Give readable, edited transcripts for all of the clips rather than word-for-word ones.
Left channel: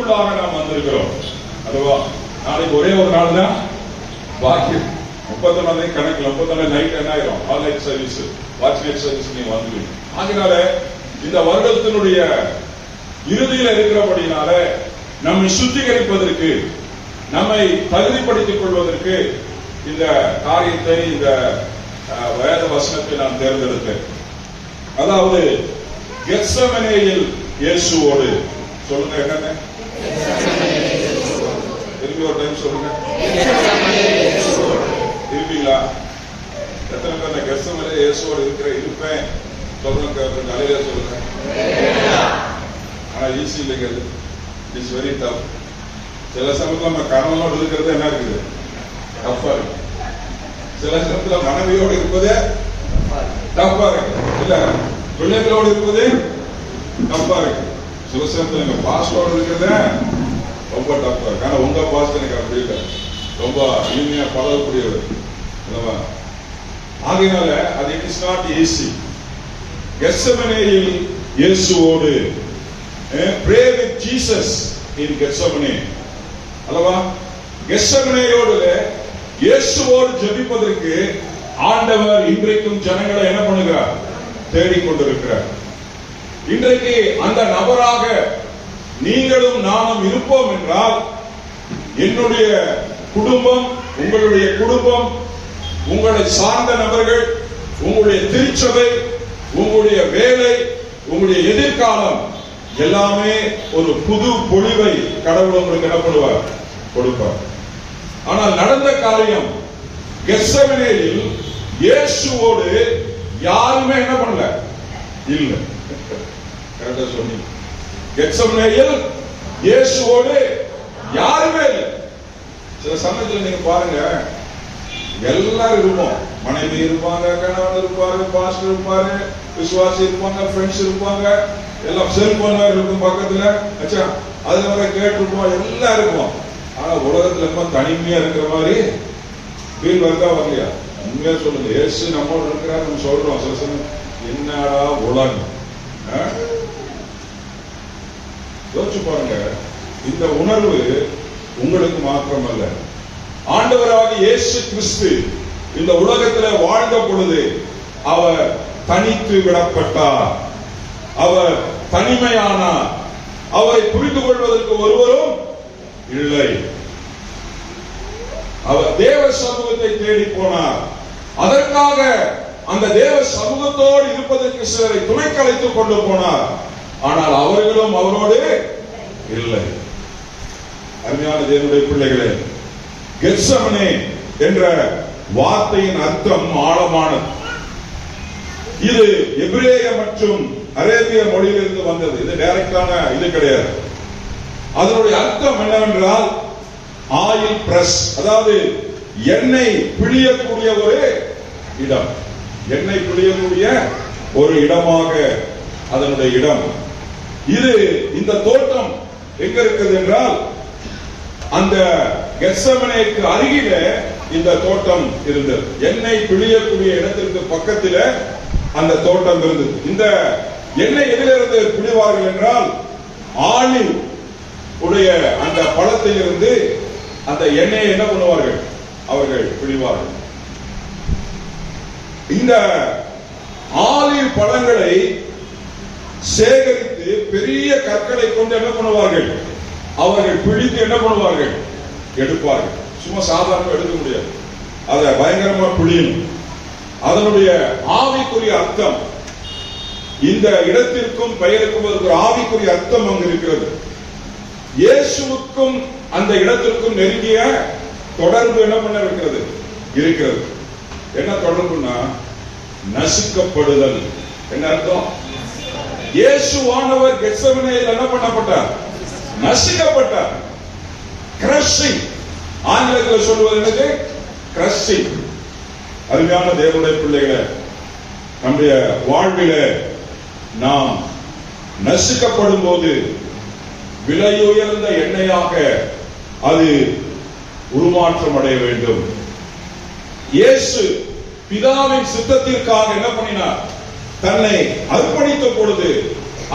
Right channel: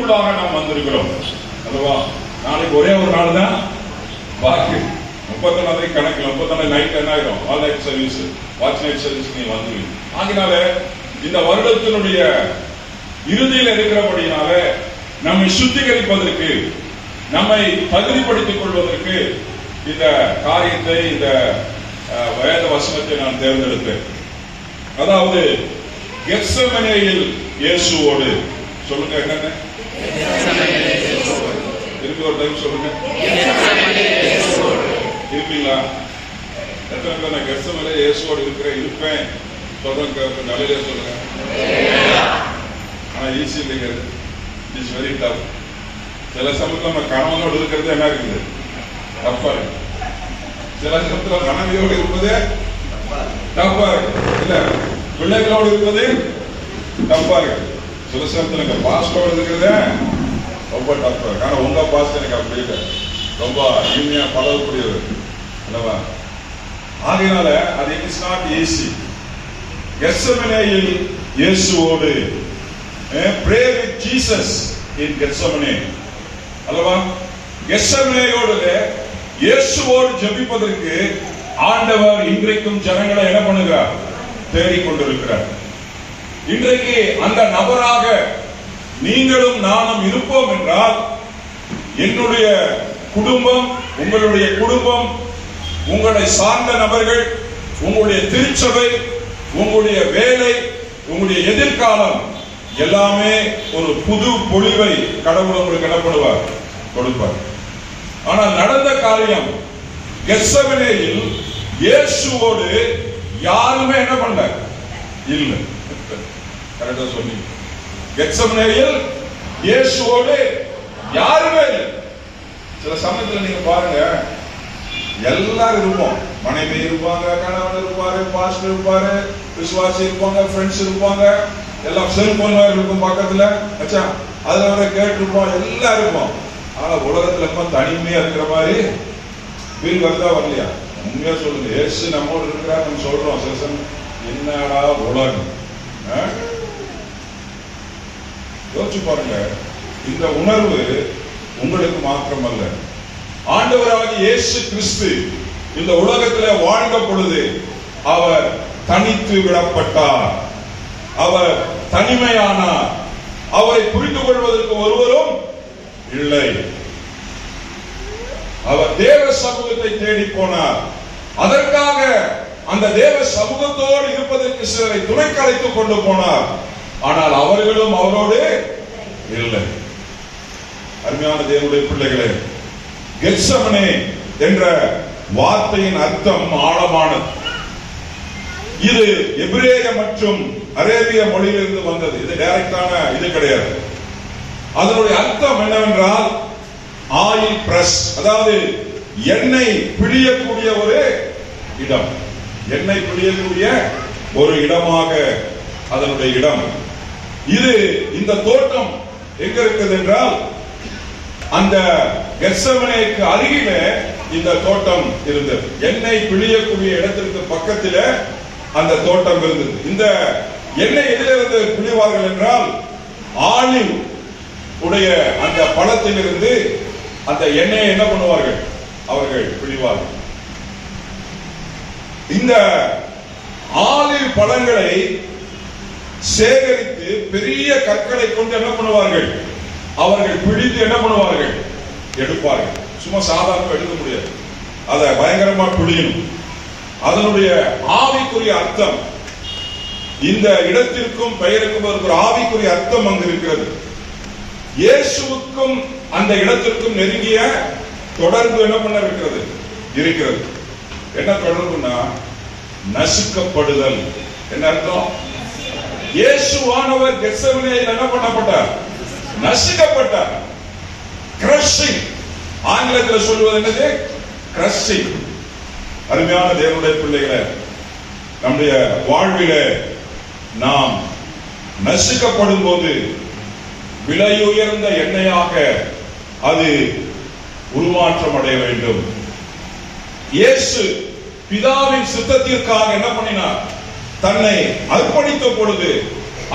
இறுதிக்குள்ளாக நாம் வந்திருக்கிறோம் அல்லவா? நாளைக்கு ஒரே ஒரு நாள் தான் பாக்கி. 31 கணக்கு 31 நைட் என்ன ஆயிரும்? All night service, watch night service நீங்க வந்துருவீங்க. ஆகினால இந்த வருடத்தினுடைய இறுதியில் இருக்கிறபடினால நம்மை சுத்திகரிப்பதற்கு, நம்மை தகுதிப்படுத்திக் கொள்வதற்கு இந்த காரியத்தை, இந்த வேத வசனத்தை நான் தேர்ந்தெடுத்தேன். அதாவது கெத்செமனேயில் இயேசுவோடு. சொல்லுங்க, என்னங்க இருக்கு? ஒரு டைம் சொல்லுங்க. இருக்கீங்களா? எத்தனை பேர் நான் கெத்செமனேயில் இயேசுவோடு இருப்பேன் சொல்றேன்? கொஞ்சம் அலையில சொல்லுங்க. ஆனா ஈஸி இல்லைங்க, இட்ஸ் வெரி டஃப். சில சமயத்துல நம்ம கணவனோடு இருக்கிறது என்ன இருக்குது? டஃப்பா இருக்கு. சில சமயத்துல மனைவியோடு இருப்பது டஃப்பா இருக்கு. இல்ல, பிள்ளைகளோடு இருப்பது டஃப்பா இருக்கு. சில சமயத்துல எங்க பாஸ்டோடு இருக்கிறது ரொம்ப டஃப்பா இருக்கு. ஆனா உங்க பாஸ்ட் எனக்கு அப்படி இல்லை, ரொம்ப இனிமையா பழகக்கூடியவர் அல்லவா? ஆகையினால அது இட் இஸ் நாட் ஈஸி. கெத்செமனேயில் இயேசுவோடு, pray with Jesus in Gethsemane அல்லவா? கெத்செமனேயோடு இயேசுவோடு ஜெபிப்பதற்கு ஆண்டவர் இன்றைக்கும் ஜனங்களை என்ன பண்ணுகிறார்? தேடிக்கொண்டிருக்கிறார். இன்றைக்கு அந்த நபராக நீங்களும் நானும் இருப்போம் என்றால், என்னுடைய குடும்பம், உங்களுடைய குடும்பம், உங்களை சார்ந்த நபர்கள், உங்களுடைய திருச்சபை, உங்களுடைய வேலை, உங்களுடைய எதிர்காலம் எல்லாமே ஒரு புது பொலிவை கடவுள் உங்களுக்கு என்ன பண்ணுவார்? கொடுப்பார். ஆனால் நடந்த காரியம், கெத்செமனேயில் இயேசுவோடு யாருமே என்ன பண்ணல? இல்ல. கரெக்டா சொன்னீங்க. கெத்செமனேயில் இயேசுவோடு யாருமே இல்லை. சில சமயத்துல நீங்க பாருங்க, எல்லாரும் இருப்போம். மனைவி இருப்பாங்க, கணவன் இருப்பாரு, பாஸ்டர் இருப்பாரு, விசுவாசி இருப்பாங்க, ஃப்ரெண்ட்ஸ் இருப்பாங்க, எல்லாம் செல்போன் இருக்கும் பக்கத்துல, அதுல கேட்டுருப்போம், எல்லாம் இருக்கும். ஆனா உலகத்துல ரொம்ப தனிமையா இருக்கிற மாதிரி ஃபீல் வருதா வரலையா? உண்மையா சொல்லுங்க. இயேசு நம்மோடு இருக்கிறார், நம்ம சொல்றோம். சில சமயம் என்னடா உலகம், யோசிச்சு பாருங்க. இந்த உணர்வு உங்களுக்கு மாத்திரமல்ல, ஆண்டவராகிய இயேசு கிறிஸ்து இந்த உலகத்தில் வாழ்ந்த பொழுது அவர் தனித்து விடப்பட்டார், அவர் தனிமையானார். அவரை புரிந்து கொள்வதற்கு ஒருவரும் இல்லை. அவர் தேவ சமூகத்தை தேடி போனார். அதற்காக அந்த தேவ சமூகத்தோடு இருப்பதற்கு சிலரை துணைக்கு அழைத்துக் கொண்டு போனார். ஆனால் அவர்களும் அவரோடு இல்லை. அருமையான தேவனுடைய பிள்ளைகளே, கெத்செமனே என்ற வார்த்தையின் அர்த்தம் ஆழமானது. இது எபிரேய மற்றும் அரேபிய மொழியிலிருந்து வந்தது. இது டைரக்டான இது கிடையாது. அதனுடைய அர்த்தம் என்னவென்றால் ஆயில் பிரஸ், அதாவது எண்ணெய் பிழியக்கூடிய ஒரு இடம். எண்ணெய் பிழியக்கூடிய ஒரு இடமாக அதனுடைய இடம். இது இந்த தோட்டம் எங்க இருக்குது என்றால், அந்த கெத்செமனேக்கு அருகிலே இந்த தோட்டம் இருந்தது. எண்ணெய் பிழியக்கூடிய இடத்திற்கு பக்கத்தில் அந்த தோட்டம் இருந்தது. இந்த எண்ணெய் எதிலிருந்து பிழிவார்கள் என்றால், ஆலிவ் உடைய அந்த பழத்திலிருந்து அந்த எண்ணெயை என்ன பண்ணுவார்கள்? அவர்கள் பிழிவார்கள். இந்த ஆலிவ் பழங்களை சேகரித்து பெரிய கற்களை கொண்டு என்ன பண்ணுவார்கள்? அவர்கள் பிழித்து என்ன பண்ணுவார்கள்? எடுப்பார்கள். சும்மா சாதாரண எடுக்க முடியாது, அதை பயங்கரமா பிழியும். அதனுடைய ஆவிக்குரிய அர்த்தம், இந்த இடத்திற்கும் பெயருக்கும் ஒரு ஆவிக்குரிய அர்த்தம் அங்கு இருக்கிறது. இயேசுவுக்கும் அந்த இடத்திற்கும் நெருங்கிய தொடர்பு என்ன பண்ண இருக்கிறது. என்ன தொடர்புனா நசுக்கப்படுதல். என்ன அர்த்தம்? இயேசுவானவர் கெத்செமனேயில் என்ன பண்ணப்பட்டார்? நசுக்கப்பட்டார். கிரஷிங், ஆங்கிலத்தில் சொல்வது என்னது? கிரஷிங். அருமையான தேவனுடைய பிள்ளைகளே, நம்முடைய வாழ்விலே நாம் நசுக்கப்படும் போது விலையுயர்ந்த எண்ணெயாக அது உருமாற்றம் அடைய வேண்டும். இயேசு பிதாவின் சித்தத்திற்காக என்ன பண்ணினார்? தன்னை அர்ப்பணித்த பொழுது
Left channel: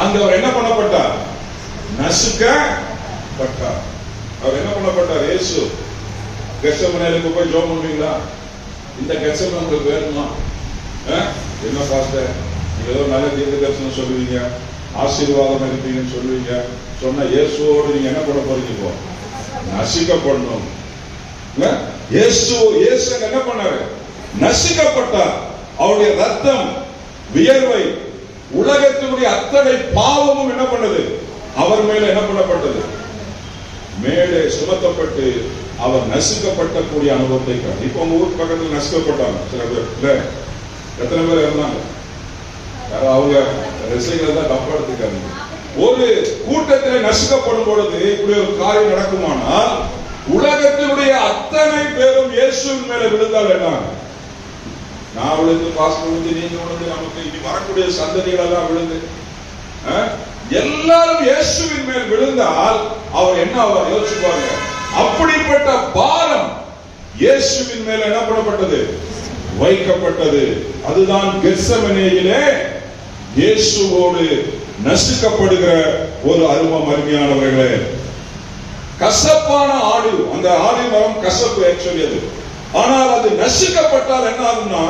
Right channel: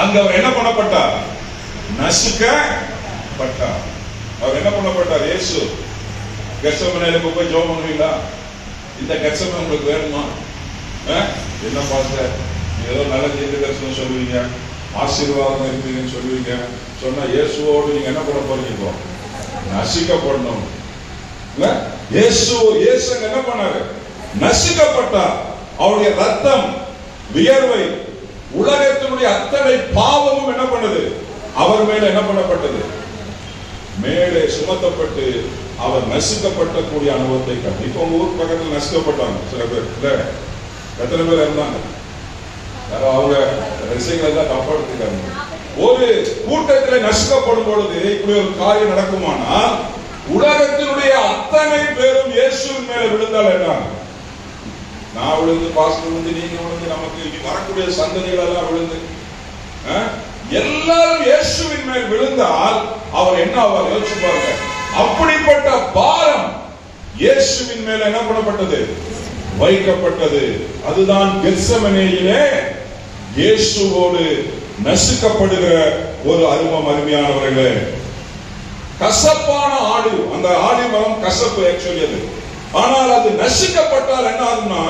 அங்க அவர் என்ன பண்ணப்பட்டார்? பட்டார். அவர் என்ன பண்ணப்பட்டார்? இயேசு கெத்செமனேலுக்கு போய் ஜெபம் பண்ணுவீங்களா? இந்த கெத்செமனே உங்களுக்கு வேணுமா? என்ன பாஸ்டர், ஏதோ நல்ல தீர்க்க தரிசனம் சொல்லுவீங்க, ஆசீர்வாதம் இருப்பீங்கன்னு சொல்லுவீங்க. சொன்னா இயேசுவோடு நீங்க என்ன பண்ண போறீங்க? நசிக்கப்படணும். இயேசு என்ன பண்ணாரு? நசிக்கப்பட்டார். அவருடைய ரத்தம், வியர்வை, உலகத்தினுடைய அத்தனை பாவமும் என்ன பண்ணது? அவர் மேல என்ன பண்ணப்பட்டது? மேலே சுமத்தப்பட்டு அவர் நசுக்கப்பட்ட கூடிய அனுபவத்தை கண்டு. இப்ப உங்க ஊர் பக்கத்தில் நசுக்கப்பட்டாங்க சில பேர். எத்தனை பேர் இருந்தாங்க? அவங்க ரசிகளை தான் தப்பா எடுத்துக்காங்க. ஒரு கூட்டத்தில் நசுக்கப்படும் பொழுது இப்படி ஒரு காரியம் நடக்குமானால் உலகத்தினுடைய அத்தனை பேரும் இயேசுவின் மேல விழுந்தால் என்ன? நான் விழுந்து, பாஸ்டர் விழுந்து, நீங்க விழுந்து, நமக்கு இனி வரக்கூடிய சந்ததிகள் எல்லாம் விழுந்து எல்லாரும் இயேசுவின் மேல் விழுந்தால் அவர் என்ன ஆவார்? யோசிச்சு பாருங்க. அப்படிப்பட்ட பாரம் இயேசுவின் மேல் என்ன பண்ணப்பட்டது? வைக்கப்பட்டது. அதுதான் கெத்செமனேயிலே இயேசுவோடு நசுக்கப்படுகிற ஒரு அருமம். அருமையானவர்களே, கசப்பான ஆடு, அந்த ஆடி மரம் கசப்பு ஆக்சுவலி அது. ஆனால் அது நசுக்கப்பட்டால் என்ன ஆகும்னா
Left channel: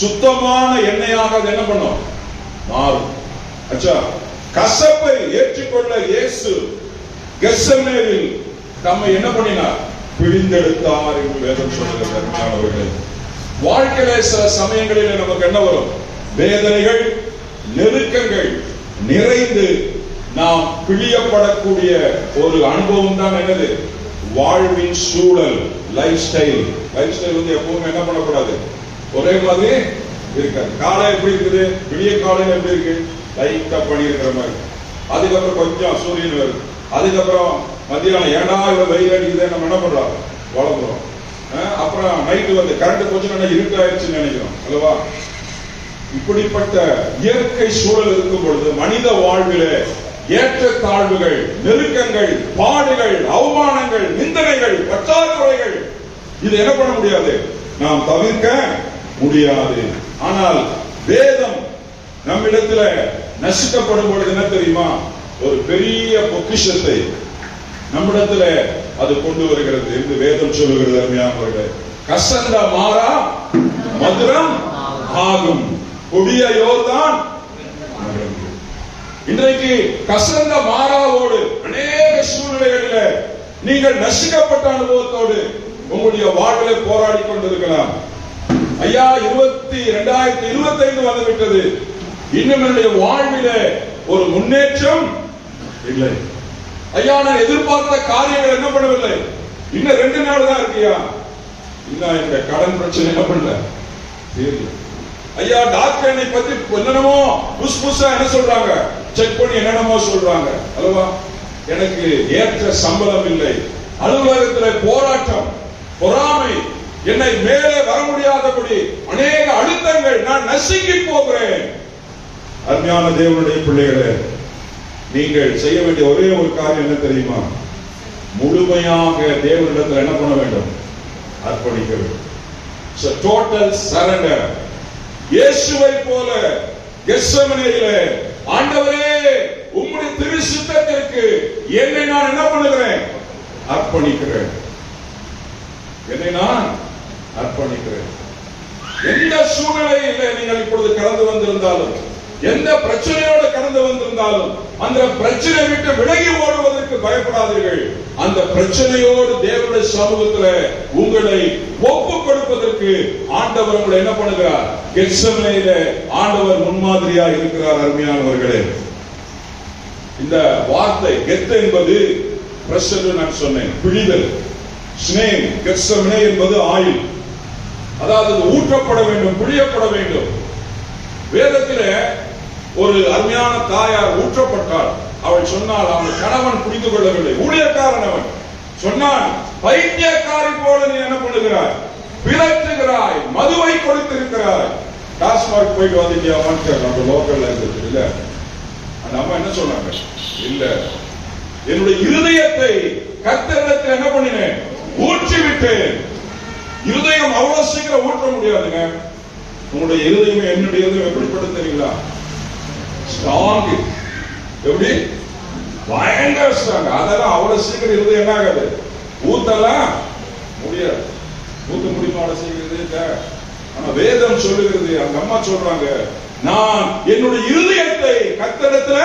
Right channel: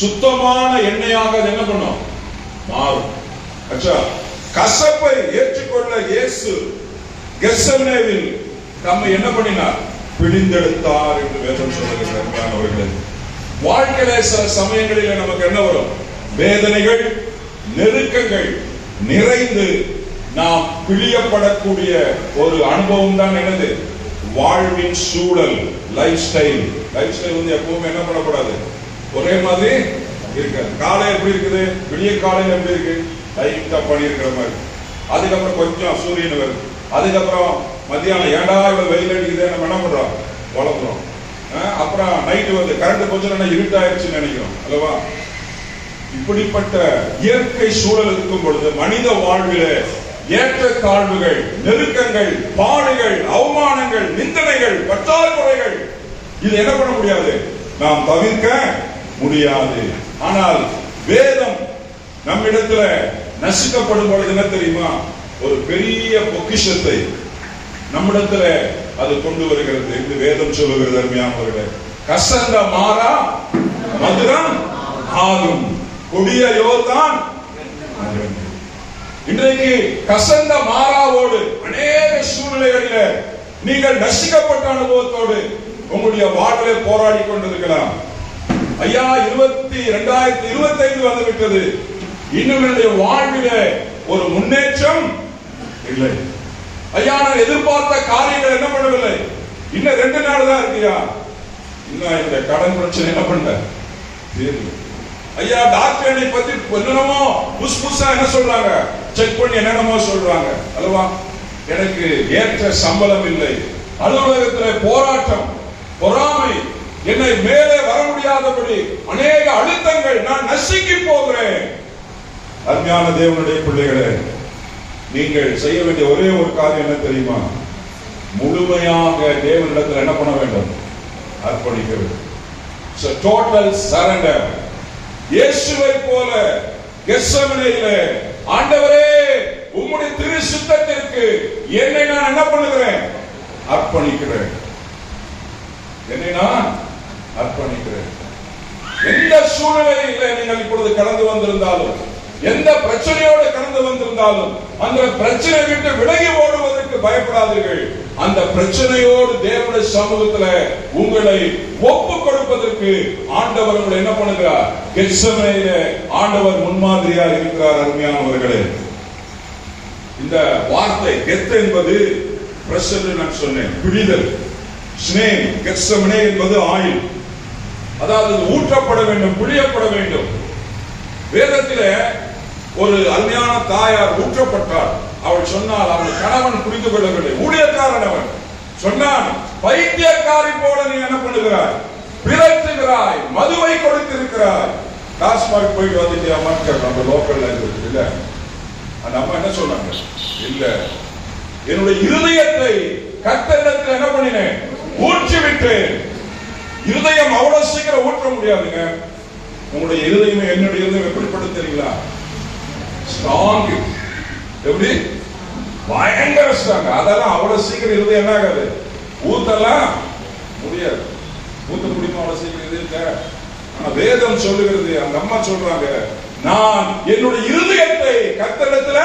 சுத்தமான எண்ணெயாக அது என்ன பண்ணும்? மாறும். அச்சா, கசப்பை ஏற்றுக்கொள்ள இயேசு கெத்செமனேவில் தம்மை என்ன பண்ணினார்? பிடிந்தெடுத்தார் என்று வேதம் சொல்லுகிறது. அருமையானவர்களே, வாழ்க்கையில சில சமயங்களில் நமக்கு என்ன வரும்? வேதனைகள், நெருக்கங்கள் நிறைந்து நாம் பிழியப்படக்கூடிய ஒரு அனுபவம் தான் என்னது? வாழ்வின் சூழல், லைஃப் ஸ்டைல். லைஃப் ஸ்டைல் வந்து எப்பவுமே என்ன பண்ணக்கூடாது? ஒரே மாதிரி இருக்காது. காலை எப்படி இருக்குது? விடிய காலையில் எப்படி இருக்கு? லைட்டா பனி இருக்கிற மாதிரி. அதுக்கப்புறம் கொஞ்சம் சூரியன் வருது. அதுக்கப்புறம் மத்தியானம் ஏண்டா இவ்வளவு வெயில் அடிக்குது, நம்ம என்ன பண்றோம்? வளர்ந்துடும். அப்புறம் நைட்டு வந்து கரண்ட் கொஞ்சம் நல்லா இருட்டாயிருச்சுன்னு நினைக்கிறோம் அல்லவா? இப்படிப்பட்ட இயற்கை சூழல் இருக்கும் பொழுது மனித வாழ்வில ஏற்ற தாழ்வுகள், நெருக்கங்கள், பாடுகள், அவமானங்கள், நிந்தனைகள், பற்றாக்குறைகள், இது என்ன பண்ண முடியாது? நாம் தவிர்க்க முடியாது. ஆனால் வேதம் நம்மிடத்துல நசுக்கப்படும் பொழுது என்ன தெரியுமா? ஒரு பெரிய பொக்கிஷத்தை நம்மிடத்துல அது கொண்டு வருகிறது என்று வேதம் சொல்லுகிறது. அருமையானவர்களே, கசந்த மாறா மதுரம் ஆகும், கொடிய யோர்தான். இன்றைக்கு கசந்த மாறாவோடு அநேக சூழ்நிலைகளில் நீங்கள் நசுக்கப்பட்ட அனுபவத்தோடு உங்களுடைய வாழ்விலே போராடி கொண்டிருக்கலாம். ஐயா, 2025 வந்துவிட்டது, இன்னும் என்னுடைய வாழ்விலே ஒரு முன்னேற்றம் இல்லை. ஐயா, நான் எதிர்பார்த்த காரியங்கள் என்ன பண்ணவில்லை, இன்னும் 2 நாள் தான் இருக்கியா, இன்னும் இந்த கடன் பிரச்சனை என்ன பண்ணல தெரியல. ஐயா, டாக்டர் என்னை பத்தி என்னென்னமோ புதுசா என்ன சொல்றாங்க, செக் பண்ணி என்னென்னமோ சொல்றாங்க அல்லவா? எனக்கு ஏற்ற சம்பளம் இல்லை, அலுவலகத்தில் போராட்டம், பொறாமை, என்னை மேலே வர முடியாதபடி அநேக அழுத்தங்கள், நான் நசுங்கி போகிறேன். அருமையான தேவனுடைய பிள்ளைகளே, நீங்கள் செய்ய வேண்டிய ஒரே ஒரு காரியம் என்ன தெரியுமா? முழுமையாக தேவனிடத்தில் என்ன பண்ண வேண்டும்? அர்ப்பணிக்க வேண்டும். So total surrender. இயேசுவை போல கெத்செமனேயிலே, ஆண்டவரே உம்முடைய திரு சித்தத்திற்கு என்னை நான் என்ன பண்ணுகிறேன்? அர்ப்பணிக்கிறேன். என்னை நான் அர்ப்பணிக்கிறேன். எந்த சூழ்நிலையில் நீங்கள் இப்பொழுது கடந்து வந்திருந்தாலும், எந்த பிரச்சனையோடு கடந்து வந்திருந்தாலும், அந்த பிரச்சனை விட்டு விலகி ஓடுவதற்கு பயப்படாதீர்கள். அந்த பிரச்சனையோடு தேவனுடைய சமூகத்தில் உங்களை ஒப்பு கொடுப்பதற்கு ஆண்டவர் உங்களை என்ன பண்ணுகிறார்? கெத்செமனேயிலே ஆண்டவர் முன்மாதிரியா இருக்கிறார். அருமையானவர்களே, இந்த வார்த்தை கெத் என்பது பிரஸ் என்று நான் சொன்னேன், பிழிதல். ஸ்னேம், கெத்செமனே என்பது ஆயில், அதாவது ஊற்றப்பட வேண்டும், பிழியப்பட வேண்டும். வேதத்திலே ஒரு அருமையான தாயார் ஊற்றப்பட்டாள். அவள் சொன்னால் அவன் கணவன் புரிந்து கொள்ளவில்லை, ஊழியக்காரன் அவன் சொன்னான், பைத்தியக்காரி போல நீ என்ன பண்ணுகிறாய்? பிறற்றுகிறாய், மதுவை கொடுத்திருக்கிறாய். டாஸ்மாக் போயிட்டு வந்துட்டியா? நம்ம லோக்கல் லாங்குவேஜ் இல்ல. அந்த அம்மா என்ன சொன்னாங்க? இல்ல, என்னுடைய இருதயத்தை கர்த்தரிடத்தில் என்ன பண்ணினேன்? ஊற்றி விட்டேன். இருதயம் அவ்வளவு சீக்கிரம் ஊற்ற முடியாதுங்க. உங்களுடைய இருதயம், என்னுடைய இருதயம் எப்படிப்படும் தெரியுங்களா? ஸ்ட்ராங். எப்படி? பயங்கர ஸ்ட்ராங். அதெல்லாம் அவ்வளவு சீக்கிரம் இருதயம் என்ன ஆகாது, ஊத்தலாம் முடியாது. ஊத்த முடியுமா அவ்வளவு சீக்கிரம் இருதயத்தை? ஆனா வேதம் சொல்லுகிறது, அந்த அம்மா சொல்றாங்க, நான் என்னுடைய இருதயத்தை கர்த்தரிடத்துல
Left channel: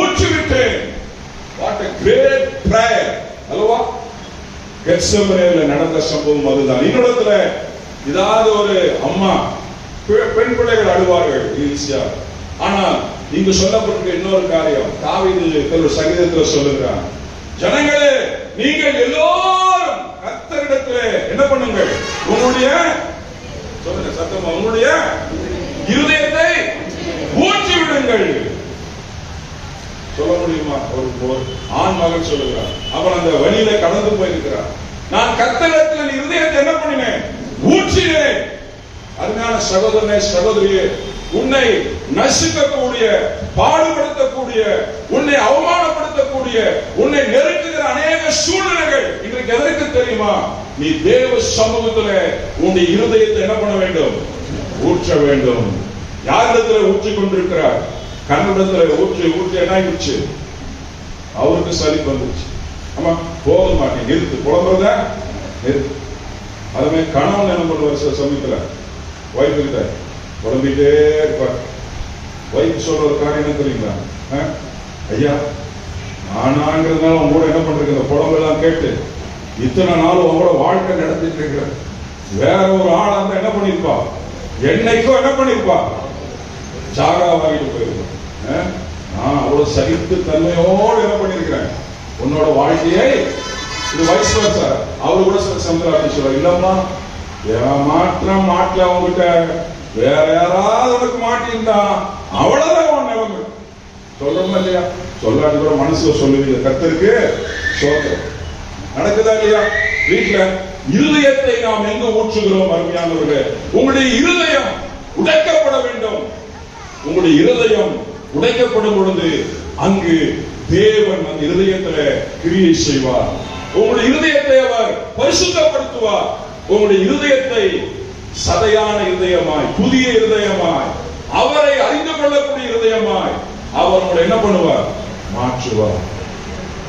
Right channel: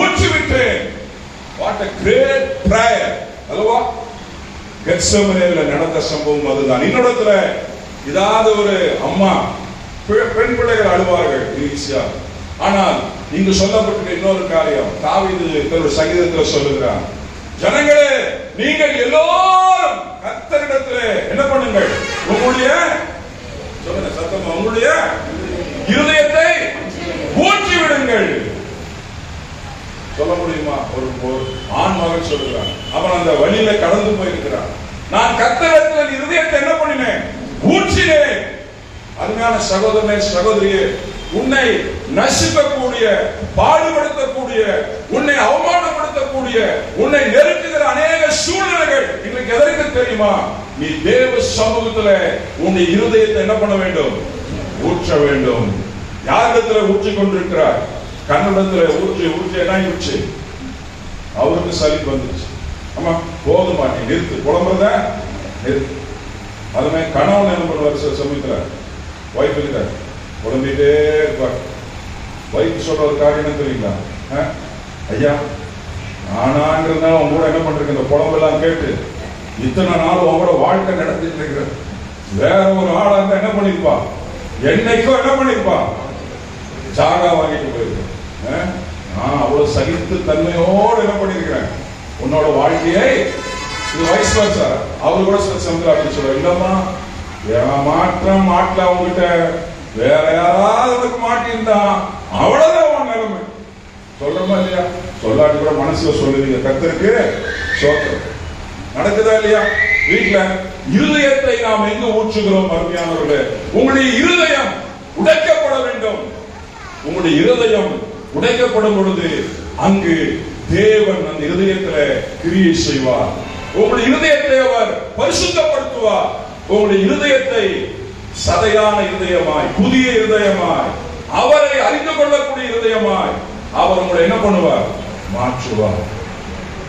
ஊற்றி விட்டேன். வாட் a great prayer அல்லவா? கெத்செமனேல நடந்த சம்பவம் அதுதான். இன்னொருத்துல ஏதாவது ஒரு அம்மா பெண் பிள்ளைகள் அழுவார்கள் ஈஸியா. ஆனால் இங்கு சொல்லப்பட்டிருக்க இன்னொரு காரியம் தாவீது தன்னுடைய சங்கீதத்தில் சொல்லுகிறார், ஜனங்களே நீங்கள் எல்லோரும் கர்த்தரிடத்திலே என்ன பண்ணுங்கள், உங்களுடைய சொல்லுங்க சத்தமா, உங்களுடைய இருதயத்தை ஊற்றி விடுங்கள். சொல்ல முடியுமா? ஒரு ஆண் மகன் சொல்லுகிறான், அவன் அந்த வழியில கடந்து போயிருக்கிறான், நான் கர்த்தரிடத்தில் இருதயத்தை என்ன பண்ணினேன், ஊற்றினேன். அருமையான சகோதரனே சகோதரியே, உன்னை நசிக்கக்கூடிய, பாடுபடுத்தக்கூடிய, உன்னை அவமானப்படுத்தக்கூடிய, உன்னை நெருக்குகிற அநேக சூழ்நிலைகள் இன்றைக்கு எதற்கு தெரியுமா? நீ தேவ சமூகத்தில் உன்னுடைய இருதயத்தை என்ன பண்ண வேண்டும், ஊற்ற வேண்டும். யாரிடத்தில் ஊற்றிக் கொண்டிருக்கிறார்? கண்ணிடத்தில் ஊற்றி ஊற்றி என்ன ஆயிடுச்சு, அவருக்கு சலிப்பு வந்துச்சு. ஆமா, போதும் மாட்டேன், நிறுத்து, புலம்புறத நிறுத்து. அதுமே கணவன் என்ன பண்ணுவார், சில சமயத்துல வைஃப் கிட்ட புலம்பிட்டே இருப்பார். வைஃப் சொல்ற ஒரு காரியம் என்ன தெரியுங்களா, ஐயா நானாங்கிறதுனால அவங்க கூட என்ன பண்றீங்க, இந்த புலம்பெல்லாம் கேட்டு இத்தனை நாள் உங்களோட வாழ்க்கை நடத்திட்டு இருக்கிற வேற ஒரு ஆளா இருந்தா என்ன பண்ணிருப்பா, என்னைக்கும் என்ன பண்ணிருப்பா, சாகா வாங்கிட்டு போயிருக்கேன். அவ்வளவு சகித்து தன்மையோடு என்ன பண்ணிருக்கிறேன் உன்னோட வாழ்க்கையை. இது வயசு வருஷா அவரு கூட சமுதிரம் அப்படி சொல்ற, இல்லம்மா ஏமாற்றம் மாட்டல அவங்ககிட்ட, வேற யாராவது உனக்கு மாட்டிருந்தா அவ்வளவுதான் உன் நிலைமை. சொல்றமா இல்லையா? சொல்லாட்டி கூட மனசுல சொல்லுவீங்க, கர்த்தருக்கு சோத்திரம். நடக்குதா இல்லையா? வீட்டுல இருதயத்தை நாம் எங்க ஊற்றுகிறோம்? அருமையானவர்களே, உங்களுடைய இருதயம் உடைக்கப்பட வேண்டும். உங்களுடைய இருதயம் உடைக்கப்படும் பொழுது அங்கு தேவன் அந்த இருதயத்துல கிரியை செய்வார். உங்களுடைய இருதயத்தை அவர் பரிசுத்தப்படுத்துவார். உங்களுடைய இருதயத்தை சதையான இருதயமாய், புதிய இருதயமாய், அவரை அறிந்து கொள்ளக்கூடிய இருதயமாய் அவர் உங்களை என்ன பண்ணுவார், மாற்றுவார்.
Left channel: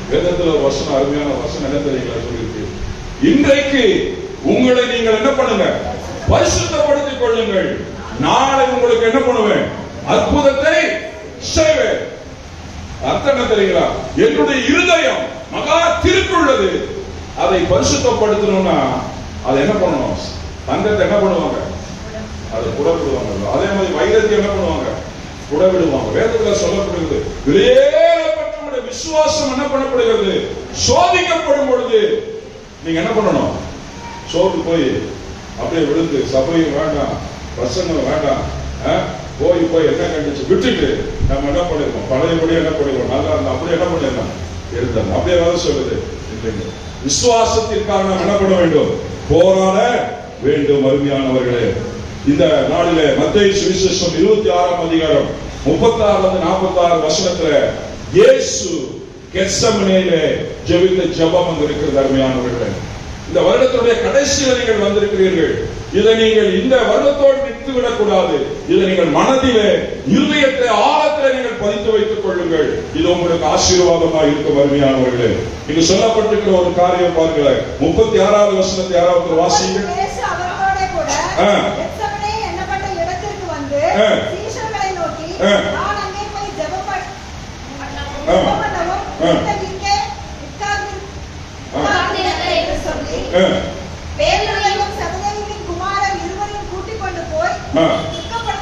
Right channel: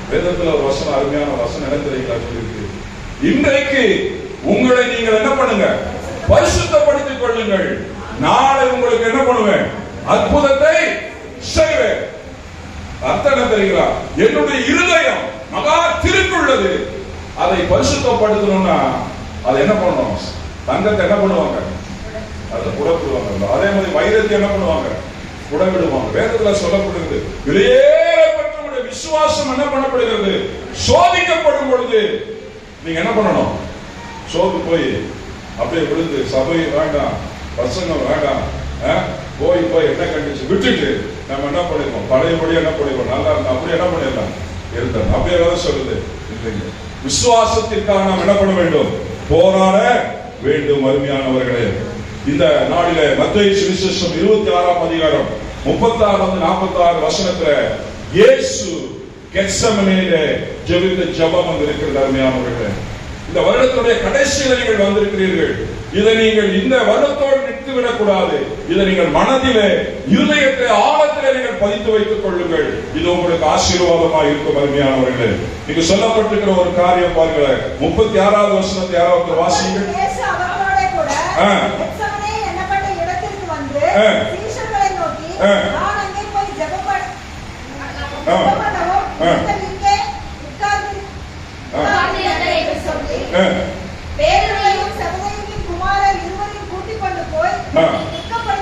வேதத்துல ஒரு வசனம், அருமையான வசனம் என்ன தெரியுங்களா சொல்லிருக்கு, இன்றைக்கு உங்களை நீங்கள் என்ன பண்ணுங்க, பரிசுத்தப்படுத்திக் கொள்ளுங்கள், நாளை உங்களுக்கு என்ன பண்ணுவேன், அற்புதத்தை செய்வேன். அர்த்தம் என்ன தெரியுங்களா? என்னுடைய இருதயம் மகா திருக்குள்ளது, அதை பரிசுத்தப்படுத்தணும்னா அதை என்ன பண்ணுவோம், தங்கத்தை என்ன பண்ணுவாங்க, அதை புடப்படுவாங்க. அதே மாதிரி வைரத்தை என்ன பண்ணுவாங்க, புடவிடுவாங்க. வேதத்துல சொல்லப்படுகிறது, விலையேறப்பட்ட விசுவாசம் என்ன பண்ணப்படுகிறது, சோதிக்கப்படும் பொழுது நீங்க என்ன பண்ணணும், சோர்ந்து போய் அப்படியே விழுந்து சபை வேண்டாம், பிரசங்கம் வேண்டாம், போய் போய் என்ன கண்டிச்சு விட்டுட்டு நம்ம என்ன பண்ணிருக்கோம், பழையபடி என்ன பண்ணிருக்கோம், நல்லா இருந்தா அப்படி என்ன பண்ணிடலாம் இருந்தாங்க. அப்படியே ஏதாவது சொல்லுது இல்லைங்க. விசுவாசத்திற்காக நாம் என்ன பண்ண வேண்டும், போராட வேண்டும். அருமையானவர்களே, இந்த நாளிலே மத்தேயு சுவிசேஷம் 26ஆம் அதிகாரம் 36-46 வசனத்துல இயேசு கெத்செமனேயிலே ஜெபித்த ஜெபம் இருக்கிறது. அருமையானவர்களே, இந்த வருடத்துடைய கடைசியில் நீங்கள் வந்திருக்கிறீர்கள். இதை நீங்கள் இந்த வருடத்தோடு நிறுத்திவிடக் கூடாது. இதை நீங்கள் மனதிலே, இருதயத்தை ஆழத்திலே நீங்கள் பதித்து வைத்துக் கொள்ளுங்கள். இது உங்களுக்கு ஆசீர்வாதமாக இருக்கும். அருமையானவர்களே, இங்கு சொல்லப்பட்டிருக்கிற ஒரு காரியம் பாருங்க, 36வது வசனத்தை யாராவது வாசிங்க.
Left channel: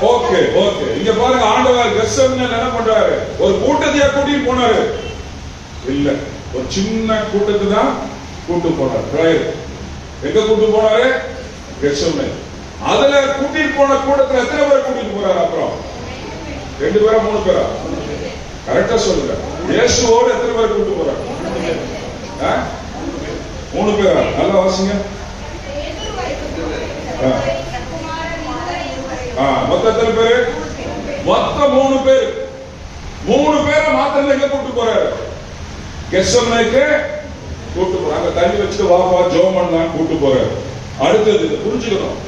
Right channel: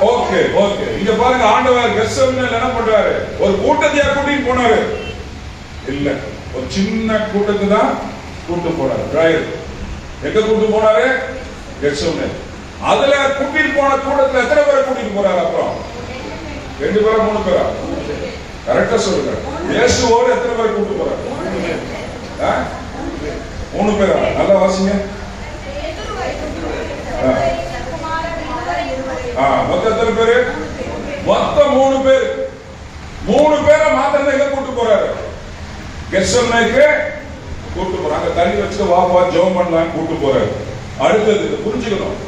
ஓகே ஓகே, இங்க பாருங்க, ஆண்டவர் கெத்செமனேல என்ன பண்றாரு, ஒரு கூட்டத்தையா கூட்டிட்டு போனாரு இல்ல, ஒரு சின்ன கூட்டத்தை தான் கூட்டு போனாரு. பிரேயர் எங்க கூட்டு போனாரு, கெத்செமனே. அதுல கூட்டிட்டு போன கூட்டத்துல எத்தனை பேரை கூட்டிட்டு போறாரு? அப்புறம் 2 பேரா 3 பேரா? கரெக்டா சொல்லுங்க. இயேசுவோடு எத்தனை பேரை கூட்டு போறாரு? 3 பேரா? நல்லா வாசிங்க. மொத்தம் எத்தனை பேரு? மொத்தம் 3 பேர். 3 பேரை மாத்திரம் எங்க கூட்டு போறாரு, கெத்செமனேக்கு கூட்டு போறாங்க. தண்ணி வச்சுட்டு வா ஜெபம் பண்ணலாம் கூட்டு போறாரு. அடுத்தது புரிஞ்சுக்கணும்,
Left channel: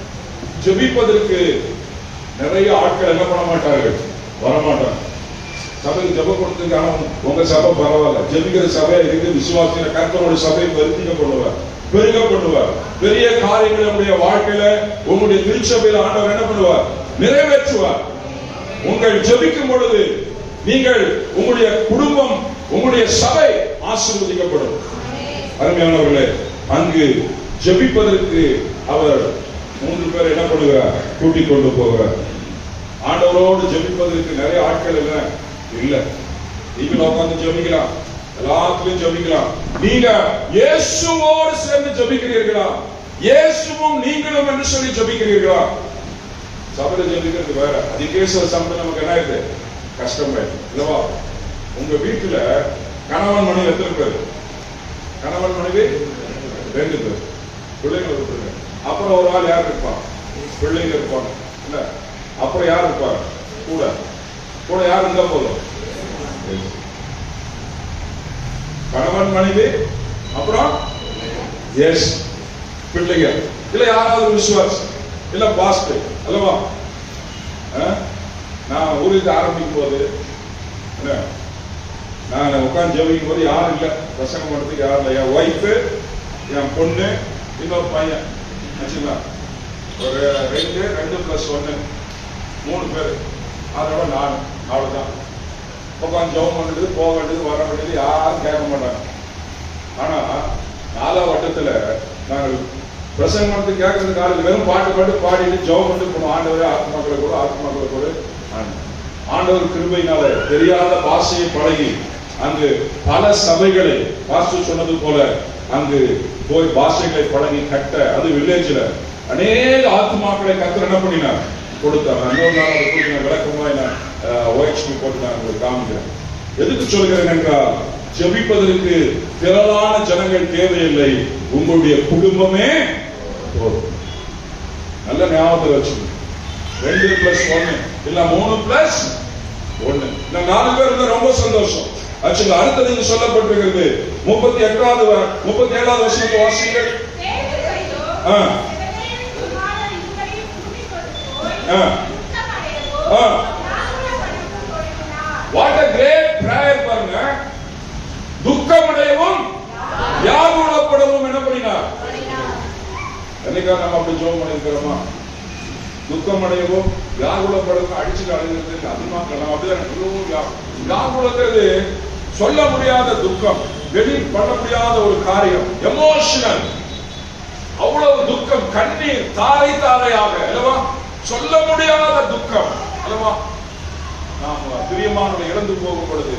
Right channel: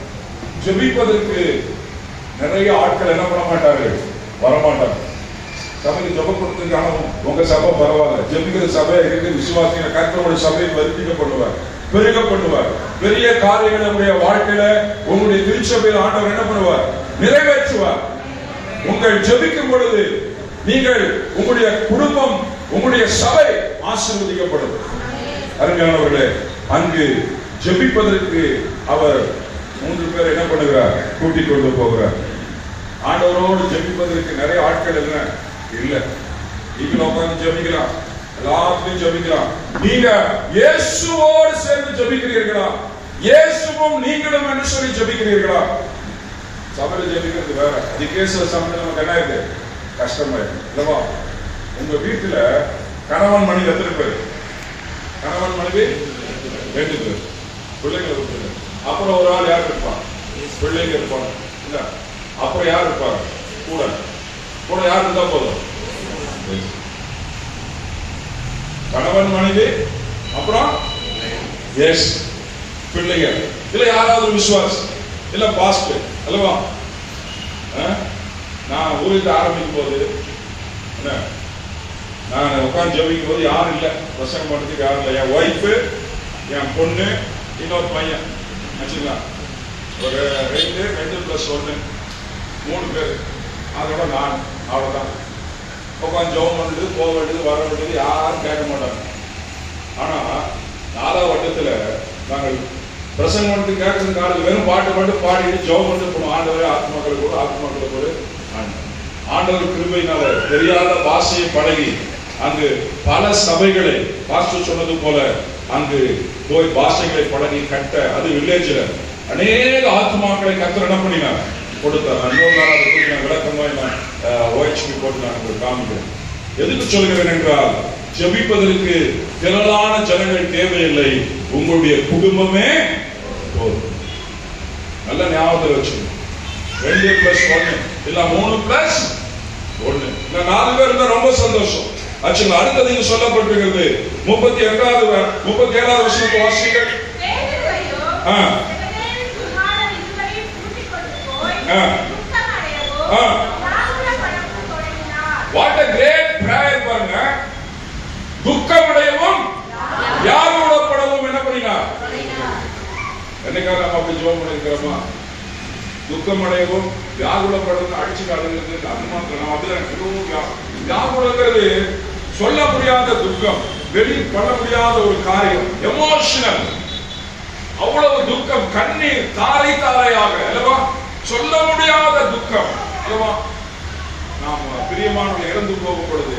ஜெபிப்பதற்கு நிறைய ஆட்கள் என்ன பண்ண மாட்டார்கள், வரமாட்டாங்க. சபைக்கு ஜெபம் கொடுத்துங்க. ஆனா உங்க சபை பரவாயில்ல, ஜெபிக்கிற சபை இருக்கு, விசுவாசிக்கிற கர்த்தருடைய சபையை வருத்திக்க பண்ணுவார், பெருக பண்ணுவார். பெரிய காரியங்களை நம்முடைய வாழ்க்கையில உங்களுடைய திருச்சபையில் ஆண்டவர் என்ன பண்ணுவார்? நிறைவேற்றுவார். உங்கள் ஜெபிக்கும் பொழுது நீங்கள் உங்களுடைய குடும்பம், உங்களுடைய சபை ஆசீர்வதிக்கப்படும். அருமையானவர்களே, அங்கு ஜெபிப்பதற்கு அவர் 3 பேர் என்ன பண்ணுகிறார்? கூட்டிக் கொண்டு போகிறார். ஆண்டவரோடு ஜெபிப்பதற்கு நிறைய ஆட்கள் இல்ல. நீங்களும் உட்கார்ந்து ஜெபிக்கலாம், எல்லாத்தையும் ஜெபிக்கலாம். நீங்க இயேசுவோடு சேர்ந்து ஜெபிக்கிறீர்களா? இயேசுவும் நீங்களும் என்று சொல்லி ஜெபிக்கிறீர்களா? சபையில ஜெபிக்கிறது வேற. அதுக்கே சில சமயம் நமக்கு என்ன இருக்கு? கஷ்டமாயிருக்கு இல்லவா? உங்க வீட்டுல கணவன் மனைவி எத்தனை பேர்? கணவன் மனைவி 2 பேர், பிள்ளைங்க இருப்பாங்க. அப்புறம் ஒரு ஆள் யார் இருப்பான்? பிள்ளைங்க இருப்பாங்க இல்ல. அப்புறம் யார் இருப்பாங்க? கூட கூட யார் இருந்தா போதும்? கணவன் மனைவி, அப்புறம் எஸ் பிள்ளைங்க, இல்ல யாராவது விசுவாசி, இல்ல பாஸ்டர் அல்லவா? நான் ஊருக்கு ஆரம்பிக்கும் போது நான் உட்கார்ந்து ஜெபிக்கும் போது யாரும் இல்ல, பிரசங்கம் பண்றதுக்கு யாரும் இல்லை. என் ஒய்ஃபு, என் பொண்ணு, இன்னொரு பையன் வச்சுங்களா, ஒரு 2+1 3 பேர். அதோட நான் அவ்வளவுதான். உட்காந்து ஜெபம் பண்ணிட்டு போக வேண்டியது வர வேண்டியது யாரும் கேட்க மாட்டாங்க. ஆனா 4ஆவது வட்டத்துல நாங்கள் பிரசங்கம் பண்ணிட்டு கேட்கறது காலையில் வெறும் பாட்டு மட்டும் பாடிட்டு ஜெபம் பண்ணிட்டு போனோம். ஆண்டவரே ஆத்மாக்களை கூட, ஆத்மாக்களை கூட ஆண்டவர் கிருபையினால தெரியாத பாஷையை பழகி அங்கு பல சபைகளை பாஸ்டர் சொன்னது போல அங்கு போய் பாஷைகளை பழகி கட்ட, அது வில்லேஜ்ல அநேக ஆத்மாக்களை கர்த்தர் என்ன பண்ணினார்? கொடுத்தார். இன்னொரு நாள் அதுக்கு விளக்கமா நான் OHP போட்டு நான் உங்களுக்கு காமிக்கிறேன். எதுக்கு சொல்கிறேன் என்றால், ஜெபிப்பதற்கு திரளான ஜனங்கள் தேவையில்லை, உங்களுடைய குடும்பமே போதும். நல்ல ஞாபகத்தில் வச்சுக்கணும். 2+1 இல்ல 3+1 இந்த 4 பேர் இருந்தா ரொம்ப சந்தோஷம். ஆக்சுவலா அடுத்தது இங்க சொல்லப்பட்டிருக்கிறது 37வது வசனத்தை வாசிங்கள். What a great prayer பாருங்க. துக்கமடையவும் வியாகுலப்படவும் என்ன பண்ணினார்? என்னைக்கா நம்ம அப்படி ஜெபம் பண்ணிருக்கிறோமா? துக்கமடையவும் வியாகுலப்படவும் அடிச்சுட்டு அழுகிறது அது மாத்திரம் நம்ம அப்படிதான். வியாகுலங்கிறது சொல்ல முடியாத துக்கம், வெளி பண்ண முடியாத ஒரு காரியம், எமோஷனல். அவ்வளவு துக்கம், கண்ணீர் தாரை தாரையாக அல்லவா? சொல்ல முடியாத துக்கம் அல்லவா? நாம் பிரியமானவர்களை இறந்து போகும் பொழுது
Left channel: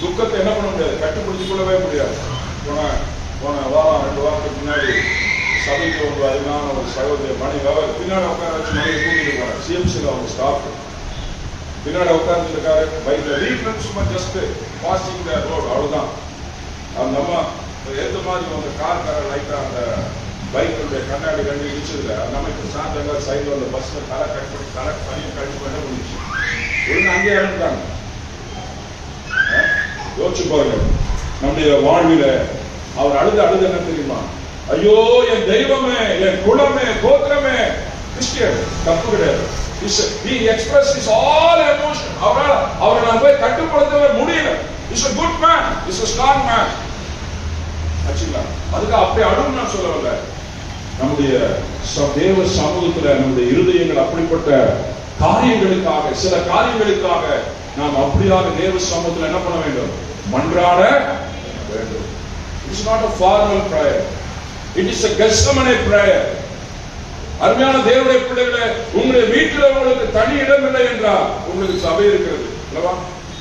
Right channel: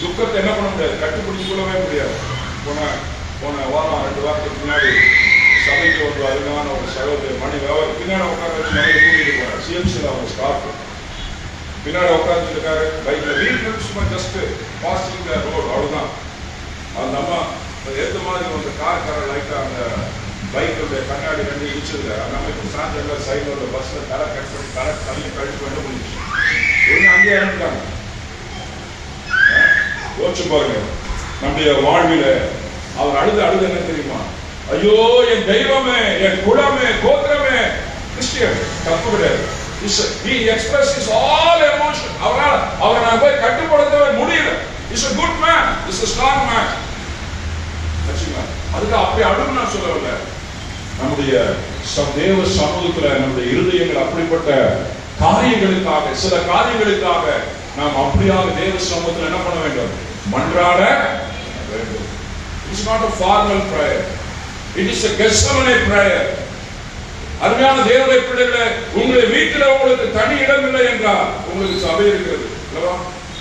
துக்கத்தை என்ன பண்ண முடியாது? கட்டுப்பிடிச்சு கொள்ளவே முடியாது. போன வாரம் 2 வாரத்துக்கு முன்னாடி சபைக்கு ஒரு அருமையான ஒரு சகோதரி மணி அவர் பின்னாடி உட்கார வச்சு நிறைய கூட்டிட்டு போனார். சிஎம்சியில் அவங்க ஸ்டாஃப் பின்னாடி உட்கார்ந்து இருக்காரு பைக்ல. வீட்டுல சும்மா ஜஸ்ட் பாசிங் த ரோடு அவ்வளவுதான். அது நம்ம ஏற்ற மாதிரி அந்த கார் லைட்டா அந்த பைக்குடைய கண்ணாடி 2 இடிச்சதுல நம்ம இப்ப சாயந்தரம் சைட்ல அந்த பஸ்ல தலை கட் பண்ணி தலை தனியை கழிச்சு பண்ண முடிஞ்சு ஒண்ணு அங்கே இறந்துட்டாங்க. யோசிச்சு பாருங்க, நம்முடைய வாழ்வில அவர் அழுது என்ன தெரியுமா? ஐயோ என் தெய்வமே, என் குலமே, கோத்திரமே. கிறிஸ்டியன் தப்பு கிடையாது. He expressed his all emotion. அவரை நான் போய் கட்டுப்படுத்தவே முடியல. He's a good man, he's a strong man. ஆச்சுங்களா? அதுக்கு அப்படி அழும் நான் சொல்லவில்லை. நம்முடைய தேவ சமூகத்துல நம்முடைய இருதயங்கள் அப்படிப்பட்ட காரியங்களுக்காக, சில காரியங்களுக்காக நாம் அப்படியாக தேவ சமூகத்துல என்ன பண்ண வேண்டும்? மன்றாட வேண்டும். It's not a formal prayer. It is a Gethsemane prayer. அருமையான தேவனுடைய பிள்ளைகளே, உங்களுடைய வீட்டில் உங்களுக்கு தனி இடம் இல்லை என்றால் உங்களுக்கு சபை இருக்கிறது அல்லவா?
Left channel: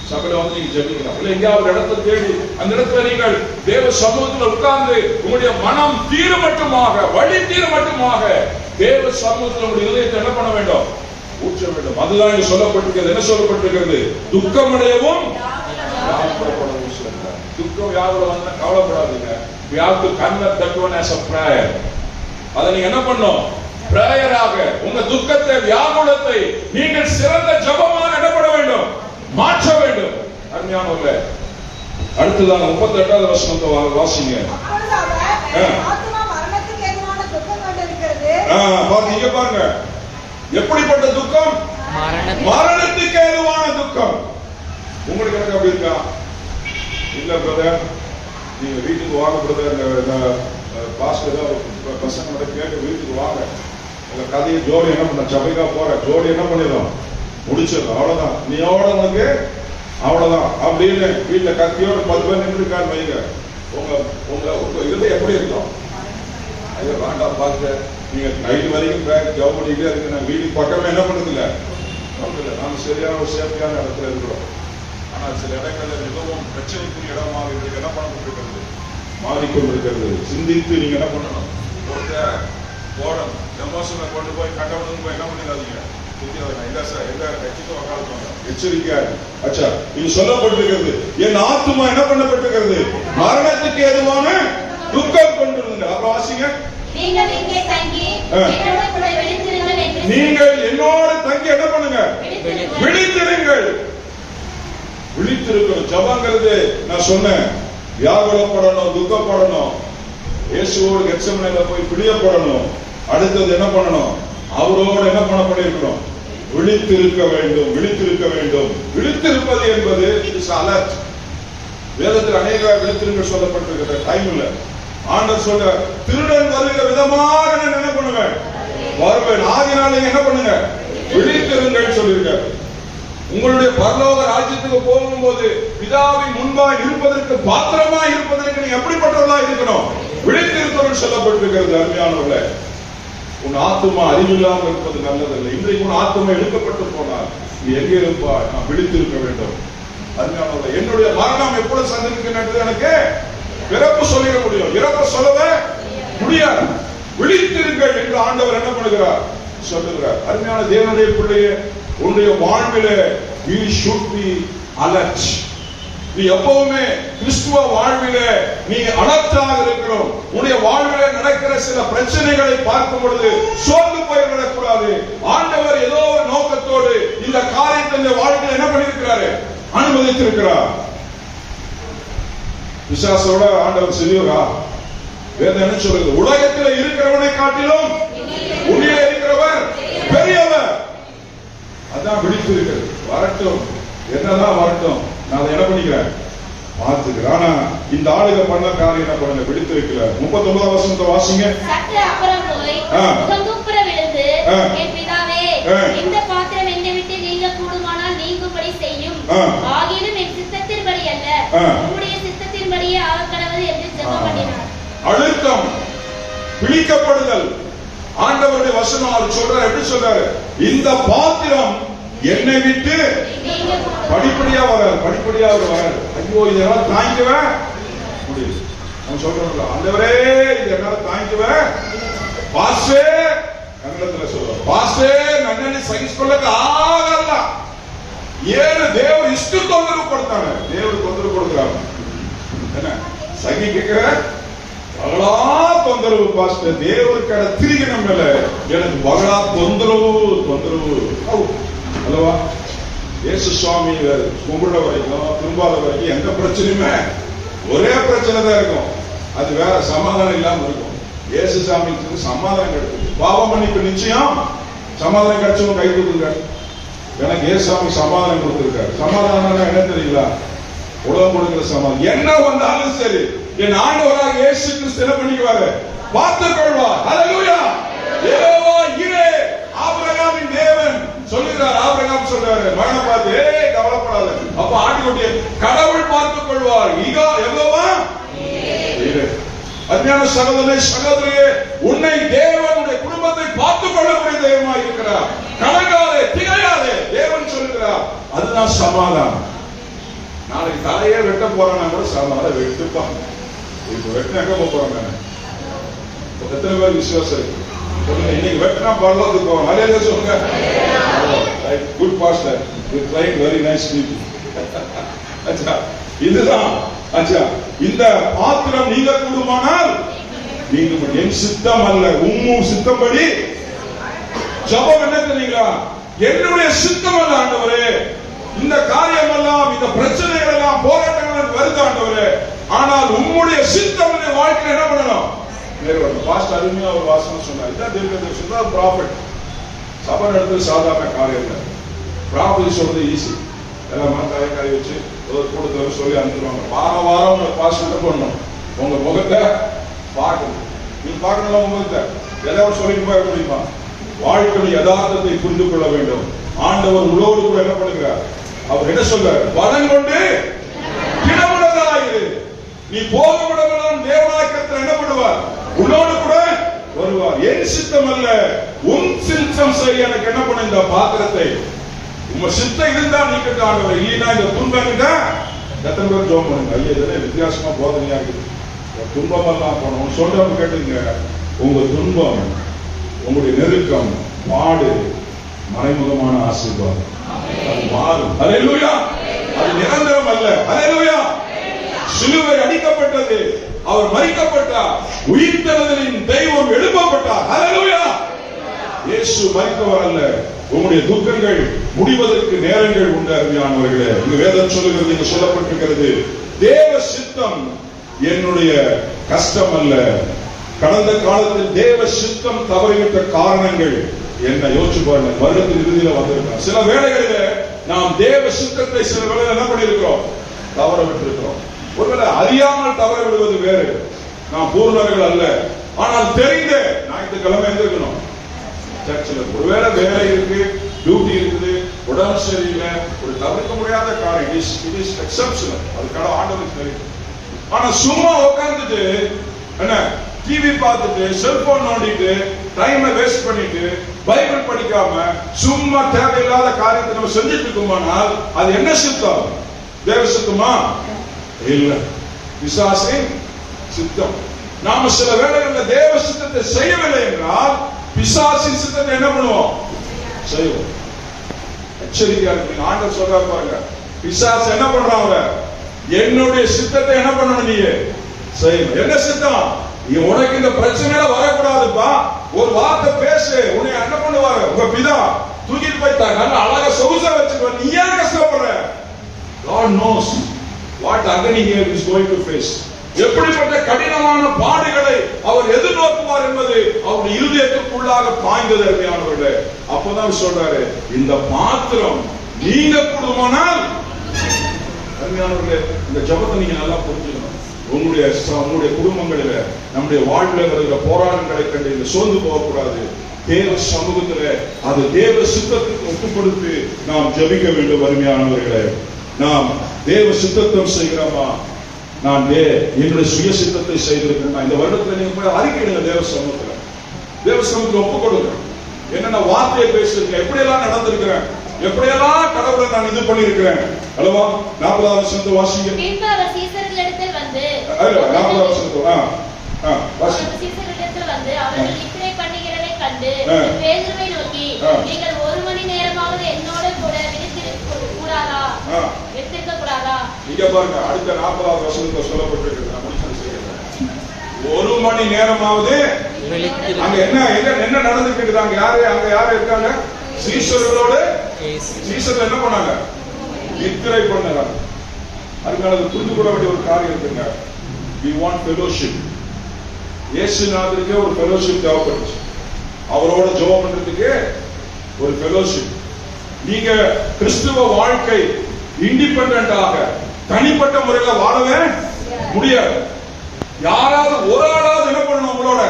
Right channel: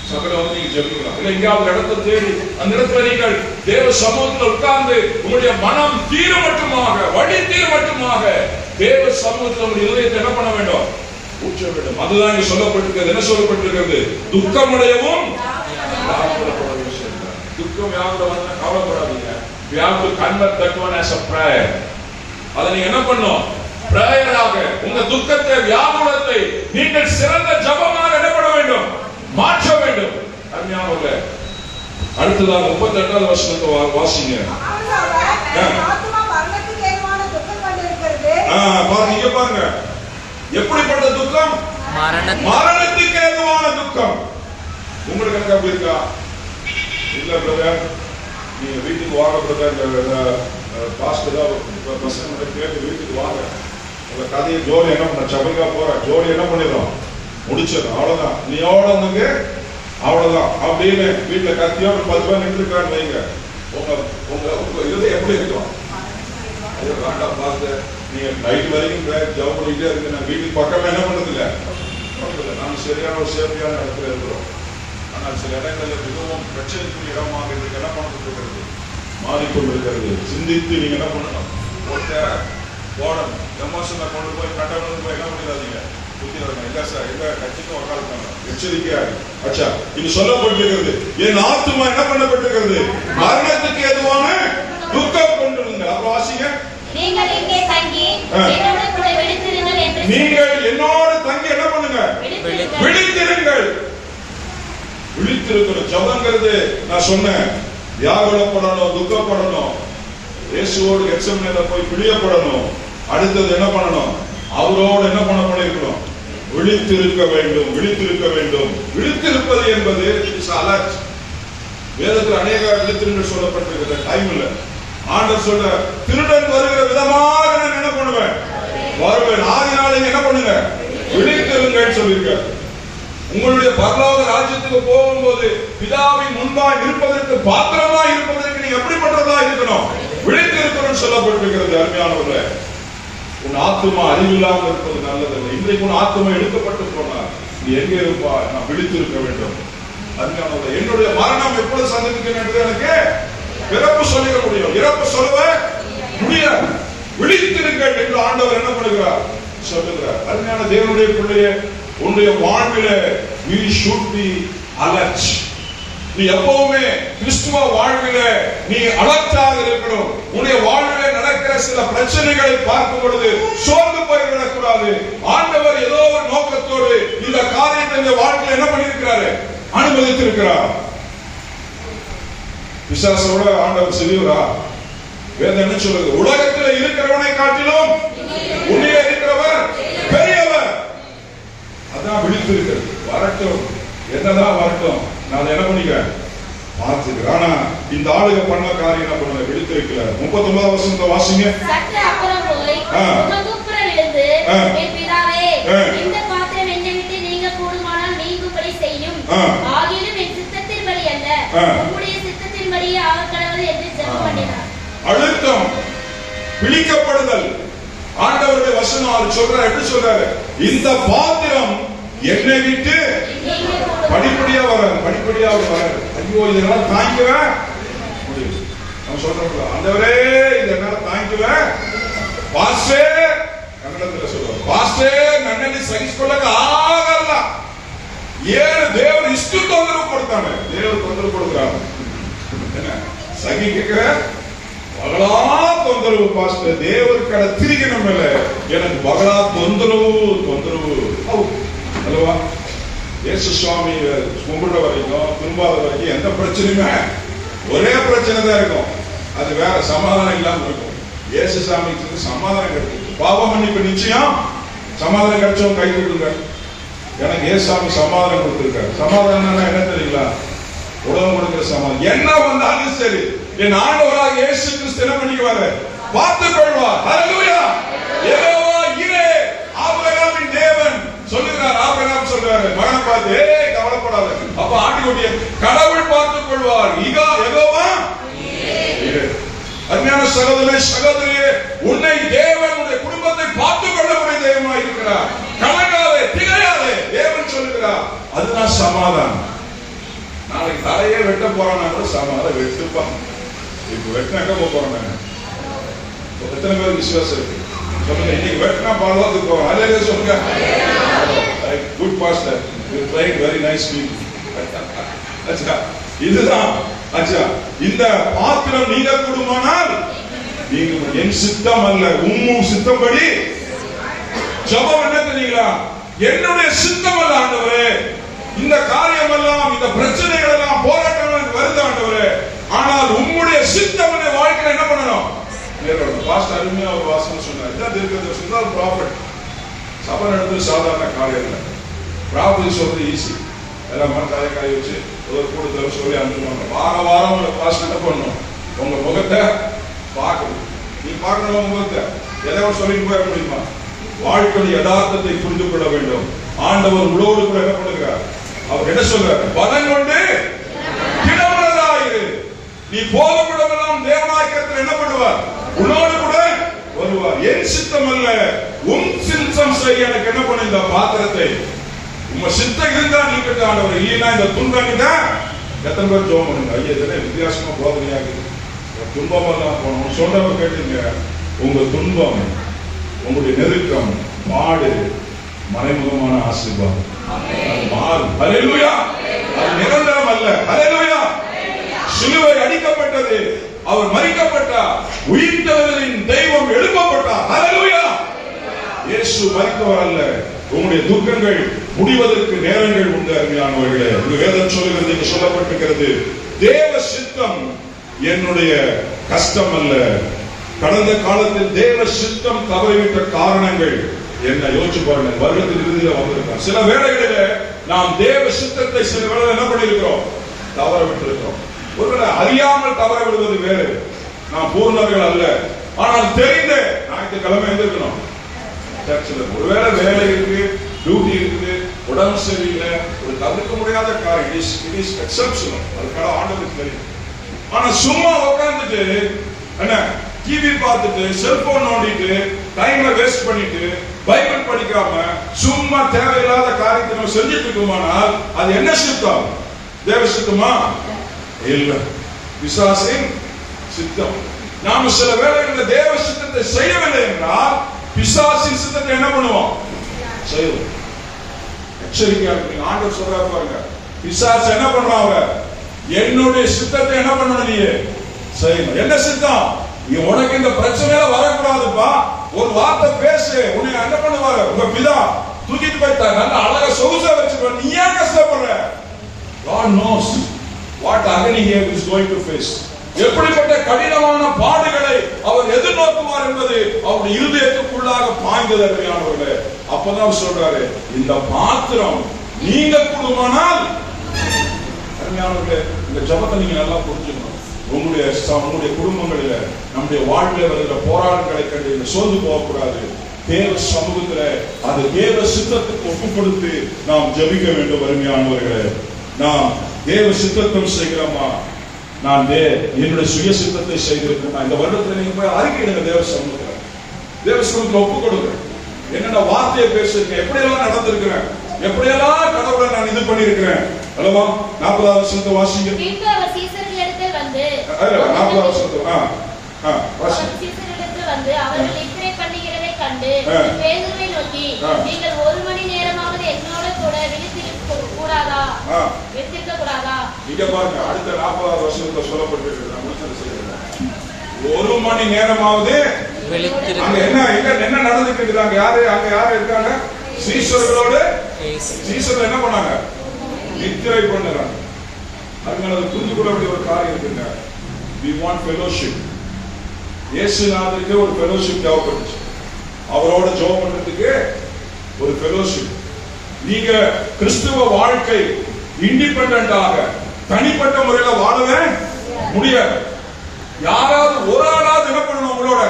சபையில வந்து நீங்க ஜெபிக்கலாம். இல்ல எங்கேயாவது இடத்தை தேடி அந்த இடத்துல நீங்கள் தேவ சமூகத்தில் உட்கார்ந்து உங்களுடைய மனம் தீர மட்டுமாக, வழி தீர மட்டுமாக தேவ சமூகத்தில் உங்களுடைய இதயத்தை என்ன பண்ண வேண்டும்? ஊற்ற வேண்டும். அதுதான் இங்க சொல்லப்பட்டிருக்கிறது. என்ன சொல்லப்பட்டிருக்கிறது? துக்கமடையவும் துக்கம் யாரோட வந்து கவலைப்படாதீங்க. We have to convert that one as a prayer. அதை நீங்க என்ன பண்ணணும்? பிரேயராக உங்க துக்கத்தை, வியாகுலத்தை நீங்கள் சிறந்த ஜெபமாக என்ன பண்ண வேண்டும்? மாற்ற வேண்டும். அருமையானவர்களே, அடுத்ததாக 38வது வசனத்தை வாசிங்க. ஆத்துமா மரணத்துக்கு ஏதுவான துக்கம் கொண்டிருக்கிறது. பாருங்க, பாருங்க எப்படிப்பட்ட துக்கம்? மரணத்துக்கு ஏதுவான துக்கம். உங்களுக்கு எனக்கு அப்படி இருக்கா? இல்ல பிரதர், நீங்க வீட்டுக்கு வாங்க பிரதர், பாஸ்டர் பசங்க மட்டும் கேட்டு வீட்டுக்கு வாங்க, உங்க கதையை ஜோடி என்ன பண்ண சபைக்கா போற ஜோடி என்ன பண்ணிடும் முடிச்சிடும், அவ்வளவுதான், நீ எவ்வளவுக்கு அவ்வளவுதான் அப்படின்னு வீட்டுல கத்தியோட 10 பேர் நின்றுருக்கான்னு வைங்க, உங்க உங்க உங்க இது எப்படி இருக்கும்? அது வேண்டாம் பாஸ்டர், நீங்க நைட் வரைக்கும் ஜாப் பண்ணிட்டே இருக்கு, நான் வீட்டுக்கு பக்கமே என்ன பண்றது இல்லை, நாம சரியான ஒரு சேஃப்டியான இடத்துல இருக்கிறோம். ஆனால் சில இடங்கள்ல மிகவும் பிரச்சனைக்குரிய இடமாக இருக்கு, என்ன பண்ணப்பட்டிருக்கிறது, மாறிக்கொண்டிருக்கிறது. சிந்தித்து நீங்க என்ன பண்ணணும், போடணும். எமோஷனை கொண்டு போய் கட்டணம் போய் என்ன பண்ணிடாதீங்க, எல்லா கட்சிக்கும் உட்காந்துப்பாங்க, எச்சரிக்கையா. அச்சா, இது சொல்லப்பட்டிருக்கிறது, என் ஆத்துமா என்ன பண்ணப்பட்டிருக்கிறது, மரணத்துக்கு எதுவான துக்கம் கொண்டிருங்க. அப்ப வாசிங்க, நீங்கள் என்னோடு தங்கி என்ன பண்ணுங்க, விழித்திருங்கள். விழித்திருக்கிற ஜபங்கிறது நான் சொன்னேன், வியாகுலப்படணும், துக்கப்படணும், இயேசுவோடு கெத்செமனேல போய் பிரியப்படணும். அடுத்தது என்ன பண்ணணும், அவரோடு என்ன பண்ண பண்ணிருக்கணும், விழித்திருக்க வேண்டும், விழித்திருக்க வேண்டும். விழித்திருப்பது என்பது அலர்ட். வேதத்தில் அநேக விழித்திருங்கள் சொல்லப்பட்டிருக்கிற டைம் இல்ல. ஆண்டவர் சொல்ல, திருடன் வருகிற விதமாக நான் என்ன பண்ணுவேன், வருவேன், ஆகினால என்ன பண்ணுங்க, விழித்திருங்கள் சொல்லிருக்க. உங்களுடைய பரலோக ராஜ்யத்துக்கு போகும்போது பிதாவின் முன்பாய் இருப்பதற்கு, பாத்திரமா இருப்பதற்கு நீங்க எப்படிப்பட்டதா இருக்கணும், விழித்திருக்கணும் சொல்லப்பட்டிருக்கிறது. அருமையானவர்களே, உன் ஆத்துமா அறிவில்லாமல் இருப்பது நல்லதல்ல. இன்றைக்கு உன் ஆத்துமா எடுக்கப்பட்டு போனார், நீ எங்கே இருப்பா, நான் விழித்திருக்க வேண்டும். அருமையானவர்களே, என்னுடைய மரணம் எப்பொழுது சந்திக்கும் என்று எனக்கு பிறப்பு சொல்லிட முடியும், இறப்பு சொல்லவே முடியாது. விழித்திருங்கள் என்று ஆண்டவர் என்ன பண்ணுகிறார், சொல்லுகிறார். அருமையான தேவனுடைய பிள்ளையே, உன்னுடைய வாழ்விலே we should be alert. நீ எப்பவுமே கிறிஸ்துவ வாழ்விலே நீ அலர்ட்டாக இருக்கணும். உன்னுடைய வாழ்விலே நடக்கிற சில பிரச்சனைகளை பார்க்கும் பொழுது சோர்ந்து போய்விடக்கூடாது. ஆண்டவர் ஏதோ ஒரு நோக்கத்தோடு இந்த காரியத்தை இந்த வாழ்க்கையில் என்ன பண்ணியிருக்கிறாரு, அனுமதித்திருக்கிறார். பிசாசோட ஆண்டவர் சிறியவரா? வேதம் என்ன சொல்லுது, உலகத்தில் இருக்கிறவனை காட்டிலும் உன்னிலே இருக்கிறவர் பெரியவர். அதான் விழித்திருக்கிறது. வரட்டும், என்னதான் வரட்டும், நான் என்ன பண்ணிக்கிறேன் பார்த்துக்கிறேன். ஆனா இந்த ஆளுக பண்ண காரியம் என்ன பண்ணல, விழித்திருக்கல. 39 வசனத்தை வாசிங்க. சற்று அப்புறம் போய் முகங்குப்புற விழுந்து, என் பிதாவே, இந்த பாத்திரம் என்னை விட்டு நீங்க கூடுமானால் நீங்கும்படி செய்யும், ஆகிலும் என் சித்தத்தின்படி அல்ல, உம்முடைய சித்தத்தின்படியே ஆகக்கடவது என்று ஜெபம் பண்ணினார். அழுத்தம், விழிக்கப்படுதல். ஆண்டவருடைய வசனம் அவர் சொல்றாரு, எப்படி சொல்றாரு, இந்த பாத்திரம் என்னை விட்டு படிப்படியா வராரு, படிப்படியா அவர் வராரு. ஐயோ, இதெல்லாம் தாங்கிக்கவே முடியும். நம்ம சொல்றோம், ஆண்டவரே இதெல்லாம் தாங்கிக்கவே பாஸ்டே, கன்னடத்துல சொல்றோம், பாஸ்டே நன்னி சகிச்சுக்கொள்ள ஆகல. ஏழு தேவர் இஷ்டு தொந்தரவு படுத்தாங்க, தேவர் தொந்தரவு கொடுக்கிறாங்க. என்ன சகிக்கிற பகலா தொந்தரவு பாஸ்டர், தேவர் கடை திரிக்கணும் மேல எனக்கு பகலா தொந்தரவு தொந்தரவு அல்லவா. இயேசு சுவாமி கும்பிடுற வரைக்கும் திரும்பாத வரைக்கும் எந்த பிரச்சனையுமே ஒரே பிரச்சனை தான் இருக்கும், அது வேற சமாதானம் இல்லாம இருக்கும். இயேசு சாமிக்கு சமாதானம் கிடைக்கும். பாவம் மன்னிப்பு நிச்சயம் சமாதானம் கிடைச்சவங்க கை கொடுங்க. எனக்கு இயேசுசாமி சமாதானம் கொடுத்திருக்காரு. சமாதானம் என்ன தெரியுங்களா, உலகம் கொடுக்கிற சமாதானம். என்ன வந்தாலும் சரி, என் ஆண்டவராக இயேசு கிறிஸ்து என்ன பண்ணிக்குவாரு, பார்த்துக் கொள்வார். ஹல்லேலூயா. யெகோவா ஈரே, ஆபிரகாமின் தேவன் சொல்லுகிறார். ஆபிரகாம் சொல்றாரு, மகனை பார்த்து, ஏய் கவலைப்படாத, அப்ப ஆட்டுக்குட்டியை கடவுள் பார்த்துக் கொள்வார். யெகோவா ஈரே. அருமையான சகோதரனே சகோதரியே, உன்னை தேவன் உன்னுடைய குடும்பத்தை பார்த்துக் கொள்ளக்கூடிய தெய்வமாக இருக்கிறார். கலங்காதே, திகையாதே, தேவன் சொல்லுகிறார். அதுதான் சமாதானம். நாளைக்கு தலையே வெட்ட போறான்னா கூட சமாதானம் வெட்டுப்பாங்க. இப்ப வெட்டினா எங்க போறேன், எத்தனை பேர் விசுவாசம் இருக்கு சொல்லுங்க. இன்னைக்கு வெட்டினா பரவாயில்ல போறோம். அதே சொல்லுங்க. Good pastor, you trying very nice people. அச்சா, இதுதான். அச்சா, இந்த பாத்திரம் நீங்க கூடுமானால் நீங்க என் சித்தம் அல்ல உம்மும் சித்தப்படி. ஜெபம் என்ன தெரியுங்களா, என்னுடைய சித்தம் அல்ல ஆண்டவரே, இந்த காரியம் எல்லாம், இந்த பிரச்சனைகள் எல்லாம், போராட்டங்கள் வருது ஆண்டவரே, ஆனால் உம்முடைய சித்தம் என்ற வாழ்க்கையில என்ன பண்ணணும். பாஸ்டர் அருமையா ஒரு வாசனை சொன்னார். இதான் தீர்க்கதரிசி, ப்ராஃபட். சபை நடத்துறது சாதாரண காரியம் இல்லை. ப்ராஃபட் சொல்றது ஈஸி. எல்லாம் தலைக்காய் வச்சு ஒரு கூட்டத்தில் சொல்லி அனுப்புவாங்க. வாரம் வாரம் உங்க பாஸ்டர் பண்ணணும், உங்க முகத்தை பார்க்கணும். நீ பார்க்கணும் உங்க முகத்தை ஏதாவது சொல்லிட்டு போக முடியுமா? வாழ்க்கை யதார்த்தத்தை புரிந்து கொள்ள வேண்டும். ஆண்டவர் உங்களோடு கூட என்ன பண்ணுகிறார்? அவர் என்ன சொல்றார்? பலன் கொண்டு திடமுள்ளதாயிரு. நீ போகும் இடமெல்லாம் தேவநாயகத்தில் என்ன பண்ணுவார்? உன்னோடு கூட வருவார். என் சித்தம் அல்ல உன் சித்தம் செய்ய எனக்கு என்ன பண்ண இந்த பாத்திரத்தை உங்க சித்தம் இருந்தா நீங்க ஆண்டவர், இல்லைன்னா இந்த துன்பம் எத்தனை பேர் ஜோம் பண்ணுங்க. ஐயா இதெல்லாம் வித்தியாசமா போதனையா இருக்குது. துன்பம் எல்லாம் போனோம் சொல்றவங்க கேட்டுங்க. உங்க துன்பம், உங்களுடைய நெருக்கம், பாடு மறைமுகமான ஆசீர்வாதம். மாறும். ஹல்லேலூயா. அது நிரந்தரம் அல்ல. ஹல்லேலூயா. சிலுவை அடிக்கப்பட்டது, அவர் மரிக்கப்பட்டார், உயிர்த்தெழுதலின் தெய்வம் எழுப்பப்பட்டார். ஹல்லேலூயா. இயேசு மரித்தவர் அல்ல. உங்களுடைய துக்கங்கள் முடிவதற்கு நேரங்கள் உண்டு. அருமையானவர்களே, இங்கு வேதம் சொல்லுகிறது, இங்கு சொல்லப்பட்டிருக்கிறது, தேவ சித்தம் என்னுடைய கஷ்டம் அல்ல. கடந்த காலத்தில் தேவ சித்தம் தவறிவிட்ட காரணங்கள் என்ன யோசிச்சு பாருங்க. வருடத்தின் இறுதியில வந்திருக்கிறோம். சில வேளைகளில நாம் தேவ சித்தத்தை சில வேளை என்ன பண்ணிருக்கிறோம்? தவற விட்டிருக்கிறோம். ஒருவேளை அறியாமல் தவற விடுவது வேறு, நாம் பூர்ணர்கள் அல்ல. ஆனால் தெரிந்து ஞாயிற்றுக்கிழமை எழுந்திருக்கணும் சர்ச்சில். ஒருவேளை வேலை இருக்கு, டியூட்டி இருக்குது, உடம்பு சரியில்லை, ஒரு தவிர்க்க முடியாத காரியம், இட் இஸ் எக்ஸெப்ஷனல், அதுக்கான ஆண்டவருக்கு தெரியும். ஆனா சும்மா உட்கார்ந்துட்டு என்ன டிவி பார்த்துட்டு செல்போன் நோண்டிட்டு டைமை வேஸ்ட் பண்ணிட்டு பைபிள் படிக்காம சும்மா தேவையில்லாத காரியத்தை நம்ம செஞ்சுட்டு இருக்கோமானால் அது என்ன சித்தம்? தேவ சித்தமா? இல்ல, பிசாசின் சித்தம். நாம சில வேளைகளில் தேவ சித்தத்தை செய்யவில்லை என்றால் பிசாசின் சித்தத்தை என்ன பண்ணுவோம்? செய்வோம். எச்சரிக்கையா இருக்கு. ஆண்டவர் சொல்றாரு பாருங்க, பிசாசு என்ன பண்றாங்க? என்னுடைய சித்தத்தை என்ன பண்ணணும்? நீ செய்யணும். என்ன சித்தம்? உனக்கு இந்த பிரச்சனையில வரக்கூடாதுப்பா, ஒரு வார்த்தை பேசு, உன்னை என்ன பண்ணுவாரு? உங்க பிதா தூக்கிட்டு போயிட்டாங்க, அழகா சொகுசா வச்சுக்கோ. நீ ஏன் கஷ்டப்படுற? God knows what agony he is going to face. எப்படிப்பட்ட கடினமான பாடுகளை அவர் எதிர்நோக்குவார் என்பது அவருடைய இருதயத்துக்குள்ளாக பாய்ந்தது. அருமையானவர்களே, அப்பதான் சொல்றாரு, இந்த பாத்திரம் நீங்க கூடுமானால். அருமையானவர்களே, இந்த ஜபத்தை நீங்க நல்லா புரிஞ்சுக்கணும். உங்களுடைய குடும்பங்களில நம்முடைய வாழ்க்கையில வருகிற போராட்டங்களை கண்டு சோர்ந்து போகக்கூடாது. தேவ சமூகத்துல அது தேவ சித்தத்துக்கு ஒப்புப்படுத்தி நாம் ஜபிக்க வேண்டும். அருமையானவர்களே, நாம் தேவ சித்தத்தை செய்கிறோமா? நான் என்னுடைய சுய சித்தத்தை செய்திருக்கேன். இந்த வருடத்துல நீங்க போய் அறிக்கையிடுங்க. தேவ சமூகத்துல ஒப்பு கொடுங்க. என்னென்ன வார்த்தையை பேசிருக்கேன், எப்படியெல்லாம் நடந்திருக்கிறேன், எப்படியெல்லாம் கடவுளை நான் இது பண்ணிருக்கிறேன். அல்லவா? 40வது வசனத்தை வாசிங்க. 40வது வந்து 40வது வசனத்தை வந்து அவர்கள் இப்படி பண்ணுகிறதை கண்டு பேதுருவை நோக்கி, நீங்கள் 1 மணி நேரமாவது என்னோட கூட விழித்திருக்க கூடாதா? இங்க பாருங்க, அடுத்த 40வது வசனத்துல சொல்லப்பட்டிருக்கு. 1 மணி நேரமாவது அங்க என்ன நடந்துட்டு இருக்குதாங்க? அங்க யாரு இருக்காங்க? சீஷர்களோடு சீஷர்கள் என்ன பண்ணாங்க? நித்திரை பண்ணாங்க. அதனால புரிந்து கொள்ள வேண்டிய ஒரு காரியம் இருக்குங்க. We want fellowship. இயேசுநாதருக்கு ஒரு fellowship தேவைப்படுச்சு. அவரோட ஜெபம் பண்றதுக்கு ஒரு fellowship. நீங்க கிறிஸ்துவ வாழ்க்கை இண்டிபெண்டன்டாக தனிப்பட்ட முறையில வாழவே முடியாது. யாராவது ஒரு ஆளாவது என்ன பண்ணணும்? உங்களோட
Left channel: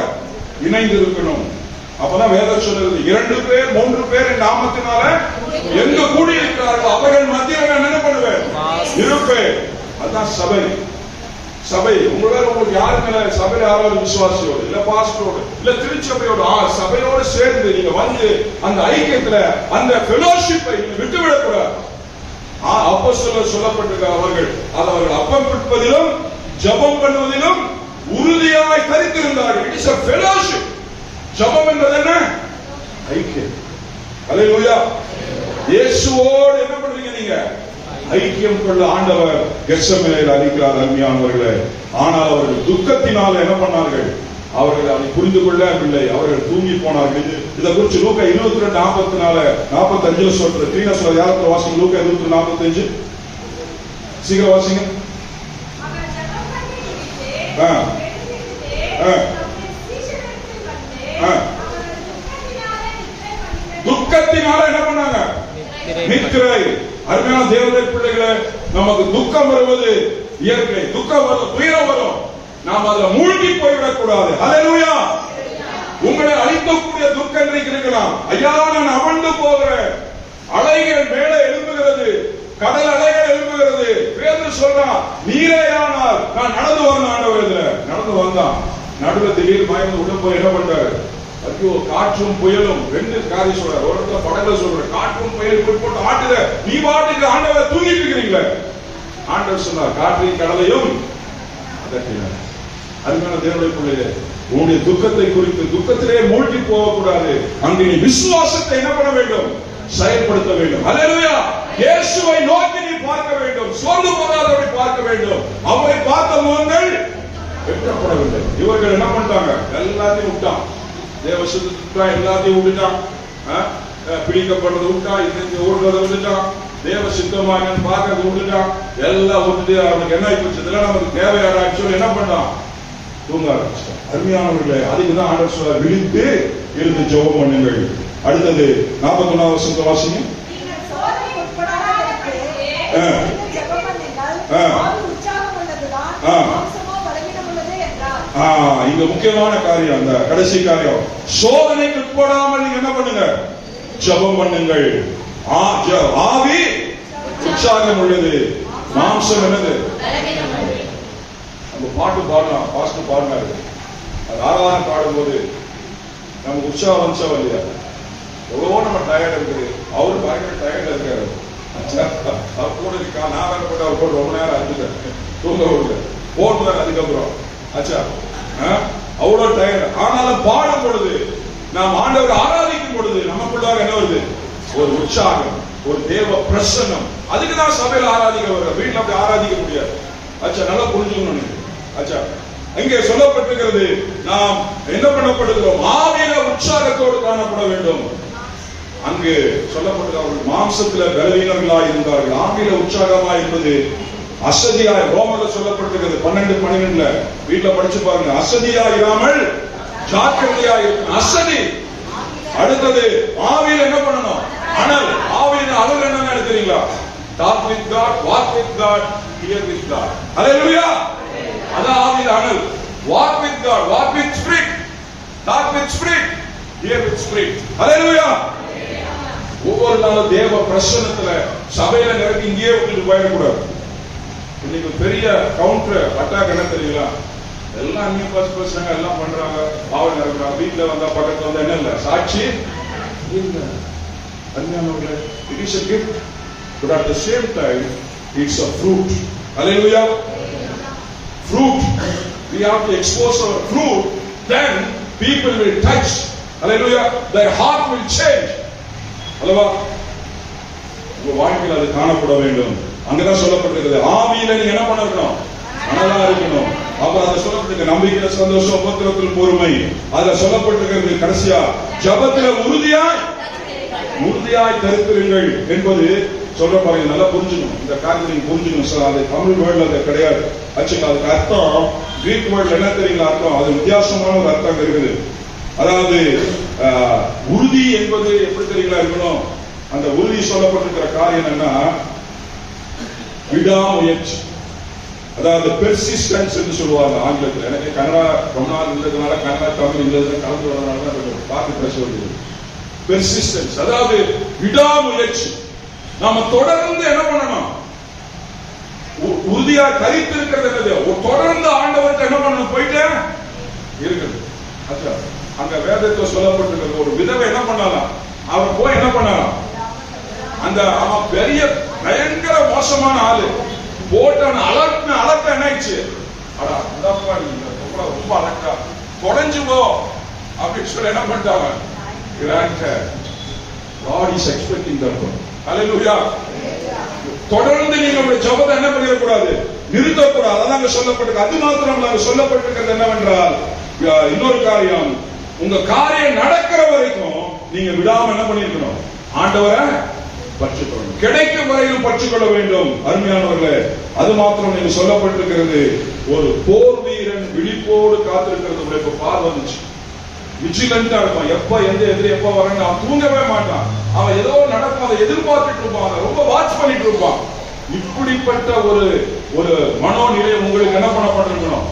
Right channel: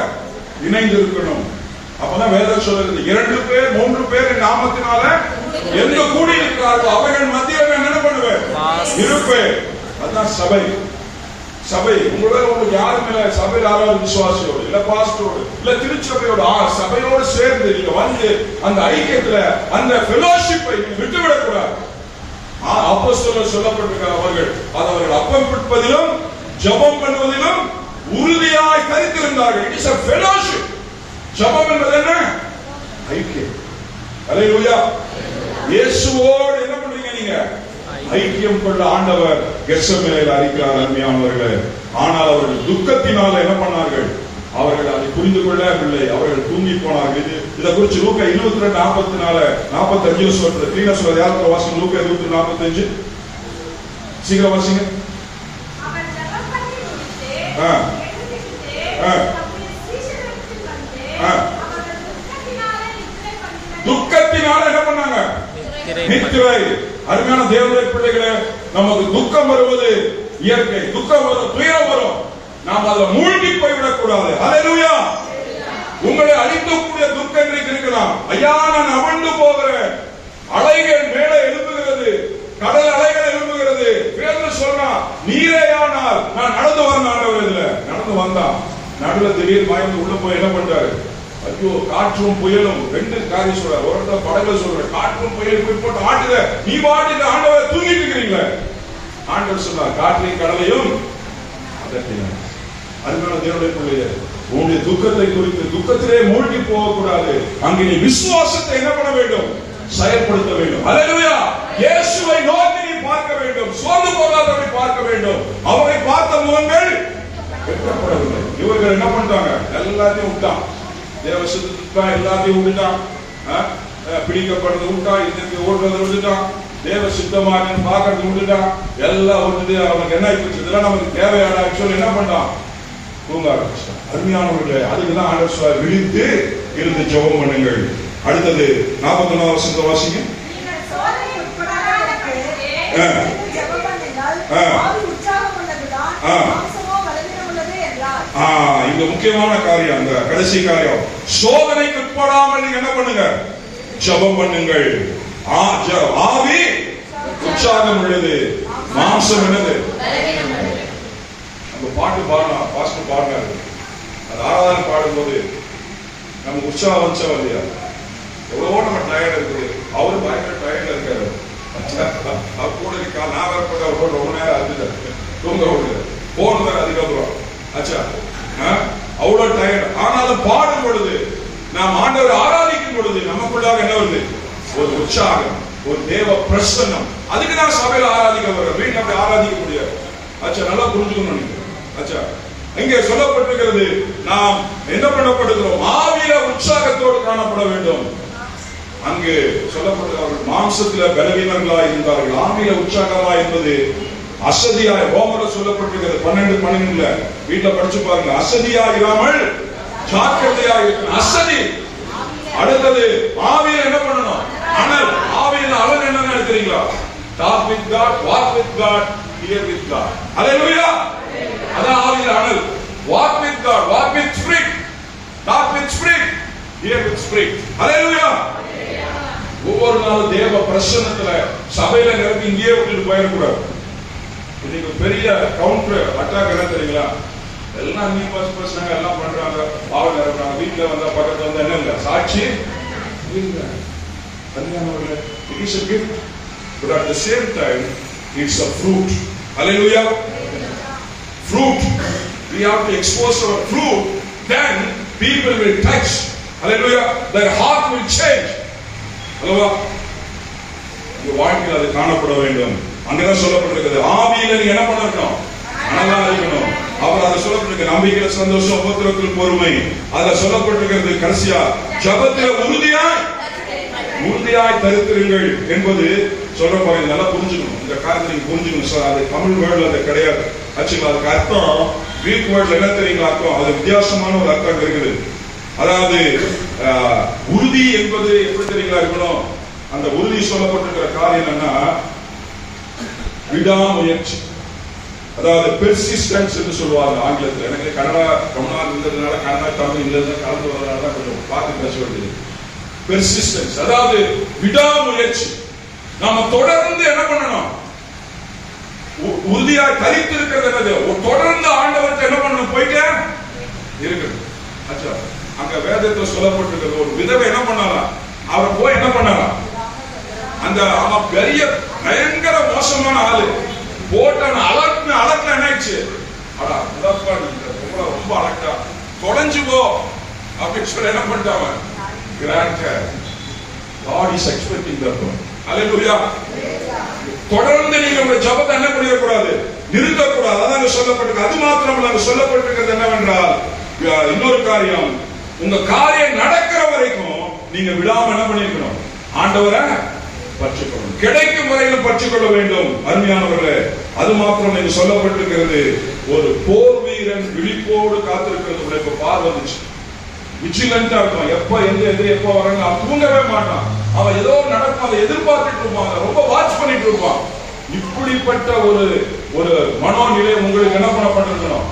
இணைந்து இருக்கணும். அப்பதான் வேதம் சொல்றது, 2 பேர் 3 பேர் நாமத்தினால எங்க கூடி இருக்கிறார்களோ அவர்கள் மத்தியில் என்ன பண்ணுவேன்? இருப்பேன். அதுதான் சபை. சபை உங்களுக்கு யாரும் இல்ல. சபையில் யாராவது விசுவாசியோடு இல்ல பாஸ்டரோடு இல்ல திருச்சபையோடு சபையோடு சேர்ந்து நீங்க வந்து அந்த ஐக்கியத்துல அந்த ஃபெலோஷிப்பை விட்டுவிடக் கூடாது. அப்போஸ்தலர் சொல்லப்பட்டிருக்க அவர்கள் அப்பம் பிடிப்பதிலும் ஜெபம் பண்ணுவதிலும் உறுதியாய் தரித்திருந்தார்கள். It is a fellowship. ஜெபம் என்பது என்ன? ஐக்கியம். அல்லேலூயா. இயேசுவோடு என்ன பண்றீங்க நீங்க? ஐக்கியம் கொள்ள ஆண்டவர் கெத்செமனேல அறிக்கிறார். அருமையானவர்களே, ஆனால் அவர்கள் துக்கத்தினால என்ன பண்ணார்கள்? அவர்கள் அதை புரிந்து கொள்ளவில்லை. அவர்கள் தூங்கி போனார்கள். இதை குறித்து லூக்கா 22:44-45 சொல்றது. கிரீனா சொல்ற யாருக்கு வாசிங்க? லூக்கா 22:45 சீக்கிரம் வாசிங்க. துக்கத்தினால என்ன பண்ணாங்க? நித்திரை. அருமையான தேவனுடைய பிள்ளைகளே, நமக்கு துக்கம் வருவது இயற்கை. துக்கம் வரும், துயரம் வரும், நாம் அதுல மூழ்கி போய்விடக் கூடாது. ஹல்லேலூயா. உங்களை அழிக்கக்கூடிய துக்கம் இன்றைக்கு இருக்கலாம். ஐயா, நான் அமர்ந்து போகிறேன், அலைகள் மேலே எழும்புகிறது, கடல் அலைகள் எழும்புகிறது. பேதுரு சொல்றான், நீரேயானால் நான் நடந்து வரேன் ஆண்டவரே. நடந்து வந்தான், நடுவில் திடீர் மயந்து உள்ள போய் என்ன பண்றாரு? ஐயோ, காற்றும் புயலும். ரெண்டு காரியம் சொல்ற, ஒரு இடத்துல படகுல சொல்ற, காற்றும் புயல் போய் போட்டு ஆட்டுற, நீ பாட்டுக்கு ஆண்டவரை தூங்கிட்டு இருக்கிறீங்களே. ஆண்டவர் சொன்னார், காற்றையும் கடலையும் அதட்டினார். அருமையான தேவனுடைய பிள்ளையே, உன்னுடைய துக்கத்தை குறித்து துக்கத்திலே மூழ்கி போகக்கூடாது. அங்கே நீ விசுவாசத்தை என்ன பண்ண வேண்டும்? செயல்படுத்த வேண்டும். ஹல்லேலூயா. இயேசுவை நோக்கி நீ பார்க்க வேண்டும், சோர்ந்து போகாதபடி பார்க்க வேண்டும். அவரை பார்த்த முகங்கள் வெட்டப்படவில்லை. இவர்கள் என்ன பண்ணிட்டாங்க? எல்லாத்தையும் விட்டான், தேவசத்துக்கா எல்லாத்தையும் விட்டுட்டான், பிடிக்கப்படுறது விட்டான், இன்னைக்கு ஓடுறதை விட்டுட்டான், தேவ சித்தமாக பார்க்கறது விட்டுட்டான், எல்லாம் விட்டுட்டு அவனுக்கு என்ன ஆயிடுச்சு? இதெல்லாம் நமக்கு தேவையான சொல்லி என்ன பண்ணான்? தூங்க ஆரம்பிச்சான். அருமையானவர்களே, அதுக்குதான் ஆண்டவர் சொல்றார், விழித்து இருந்து ஜெபம் பண்ணுங்கள். அடுத்தது 41வது வசனத்தை வாசிங்க. இந்த முக்கியமான காரியம், அந்த கடைசி காரியம், சோதனைக்கு உட்படாமல் நீங்க என்ன பண்ணுங்க? ஜெபம் பண்ணுங்கள். ஆவி உற்சாகம் உள்ளது, மாம்சம் என்னது? நம்ம பாட்டு பாடலாம், பாஸ்டர் பாடினாரு, அது ஆராதனை பாடும்போது நமக்கு உற்சாகம் வந்துச்சா இல்லையா? எவ்வளவோ நம்ம டயர்ட் இருக்குது, அவரு பயங்கர டயர்ட்ல இருக்காரு. அவர் கூட இருக்கா, நான் வரப்பட்ட அவர் கூட ரொம்ப நேரம் அழுதுட்டாரு, தூங்க விடுறாரு, போடுறாரு. அதுக்கப்புறம் ஆச்சா அவ்வளவு டயர்ட். ஆனாலும் பாடும் பொழுது, நாம் ஆண்டவரை ஆராதிக்கும் பொழுது நமக்குள்ளாக என்ன வருது? ஒரு உற்சாகம், ஒரு தேவ பிரசன்னம். அதுக்கு தான் சபையில் ஆராதிக்க வர, வீட்டில் அப்படி ஆராதிக்க முடியாது. ஆச்சா, நல்லா புரிஞ்சுக்கணும் நினைக்கிறேன். ஆச்சா, இங்கே சொல்லப்பட்டிருக்கிறது, நாம் என்ன பண்ணப்படுகிறோம்? ஆவிய உற்சாகத்தோடு காணப்பட வேண்டும். அங்கு சொல்லப்பட்டது, அவர்கள் மாம்சத்தில் பலவீனர்களாய் இருந்தார்கள், ஆவியில உற்சாகமாய் இருந்தது அசதியாய். ரோமர்ல சொல்லப்பட்டிருக்கிறது 12:12 வீட்டுல படிச்சு பாருங்க. அசதியா இராமல் ஜாக்கிரதையா இருக்கணும். அசதி. அடுத்தது ஆவியில என்ன பண்ணணும்? அனல். ஆவியில அனல் என்ன எடுக்கிறீங்களா? talk with God, walk with God, hear with God. ஹல்லேலூயா. அதான் ஆவியில அனல். walk with God, walk with spirit, talk with spirit, hear with spirit. ஹல்லேலூயா. ஒவ்வொரு நாளும் தேவ பிரசன்னத்துல சபையில நிரப்பி இங்கேயே விட்டுட்டு போயிடக்கூடாது. இன்னைக்கு பெரிய கவுண்டர் அட்டாக் என்ன தெரியுங்களா? எல்லாம் நீ பசங்க எல்லாம் பண்றாங்க, பாவம் நிரப்புறாங்க, வீட்டுல வந்தா பக்கத்துல வந்தா என்ன இல்ல சாட்சி இல்ல. கல்யாணம் it is a gift, but at the same time it's a fruit. Hallelujah. Fruit, we have to expose our fruit, then people will touch. Hallelujah. Their heart will change. அல்லவா? உங்க வாழ்க்கையில் அது காணப்பட வேண்டும். அங்கதான் சொல்லப்பட்டிருக்கிறது, ஆவியில நீங்க என்ன பண்ணணும்? அனலா இருக்கணும். அவர் அதை சொல்லப்பட்டிருக்க, நம்பிக்கையில சந்தோஷம், உபத்திரத்தில் பொறுமை. அதை சொல்லப்பட்டிருக்கிறது கடைசியா, ஜபத்தில உறுதியாய் தரித்திருங்கள் என்பது சொல்ற பாருங்க. நல்லா புரிஞ்சுக்கணும், இந்த காரியத்தை நீங்க புரிஞ்சுக்கணும் சார். அது தமிழ் வேர்ட்ல அது கிடையாது. ஆக்சுவலா அதுக்கு அர்த்தம் கிரீக் வேர்ட்ல என்ன தெரியுங்களா அர்த்தம்? அது வித்தியாசமான ஒரு அர்த்தம் இருக்குது. அதாவது உறுதி என்பது எப்படி தெரியுங்களா இருக்கணும்? அந்த உறுதி சொல்லப்பட்டிருக்கிற காரியம் என்னன்னா விடாமுயற்சி. அதாவது பெர்சிஸ்டன்ஸ் என்று சொல்லுவாங்க ஆங்கிலத்தில். எனக்கு கன்னடா தமிழ்நாடு இருந்ததுனால கன்னடா தமிழ் இருந்ததுனால கலந்து வரதுனால தான் கொஞ்சம் பார்த்து பேச வேண்டியது. பெர்சிஸ்டன்ஸ், அதாவது விடாமுயற்சி. நாம தொடர்ந்து என்ன பண்ணணும்? உறுதியா தரித்து இருக்கிறது என்னது? தொடர்ந்து ஆண்டவர்கிட்ட என்ன பண்ணணும்? போயிட்டே இருக்குது. அச்சா, அங்க வேதத்துல சொல்லப்பட்டிருக்கிறது, ஒரு விதவை என்ன பண்ணலாம்? அவர் போய் என்ன பண்ணலாம்? அந்த அவன் பெரிய பயங்கர மோசமான ஆளு போட்டான அலர்ட் என்னாச்சு? ரொம்ப அலர்ட்டா தொலைஞ்சு போ அப்படின்னு சொல்லி என்ன பண்ணிட்டாங்க? God is expecting that. ஹல்லேலூயா. தொடர்ந்து நீங்க உங்களுடைய ஜெபத்தை என்ன பண்ணிடக்கூடாது? நிறுத்தக்கூடாது. அதான் சொல்லப்பட்டிருக்கு. அது மாத்திரமல்ல, அங்க சொல்லப்பட்டிருக்கிறது என்னவென்றால், இன்னொரு காரியம், உங்க காரியம் நடக்கிற வரைக்கும் நீங்க விடாம என்ன பண்ணிருக்கணும்? ஆண்டவரை பற்றிக்கொள்ளணும். கிடைக்கும் வரையிலும் பற்றிக்கொள்ள வேண்டும். அருமையானவர்களே, அது மாத்திரம் நீங்க சொல்லப்பட்டிருக்கிறது, ஒரு போர் வீரன் விழிப்போடு காத்திருக்கிறது. இப்ப பார் வந்துச்சு, விஜிலண்டா இருக்கும். எப்ப எந்த எதிரி எப்ப வராங்க அவன் தூங்கவே மாட்டான். அவன் ஏதோ நடக்கும் அதை எதிர்பார்த்துட்டு இருப்பான், ரொம்ப வாட்ச் பண்ணிட்டு இருப்பான். இப்படிப்பட்ட ஒரு மனோநிலை உங்களுக்கு என்ன பண்ணப்பட்டிருக்கணும்?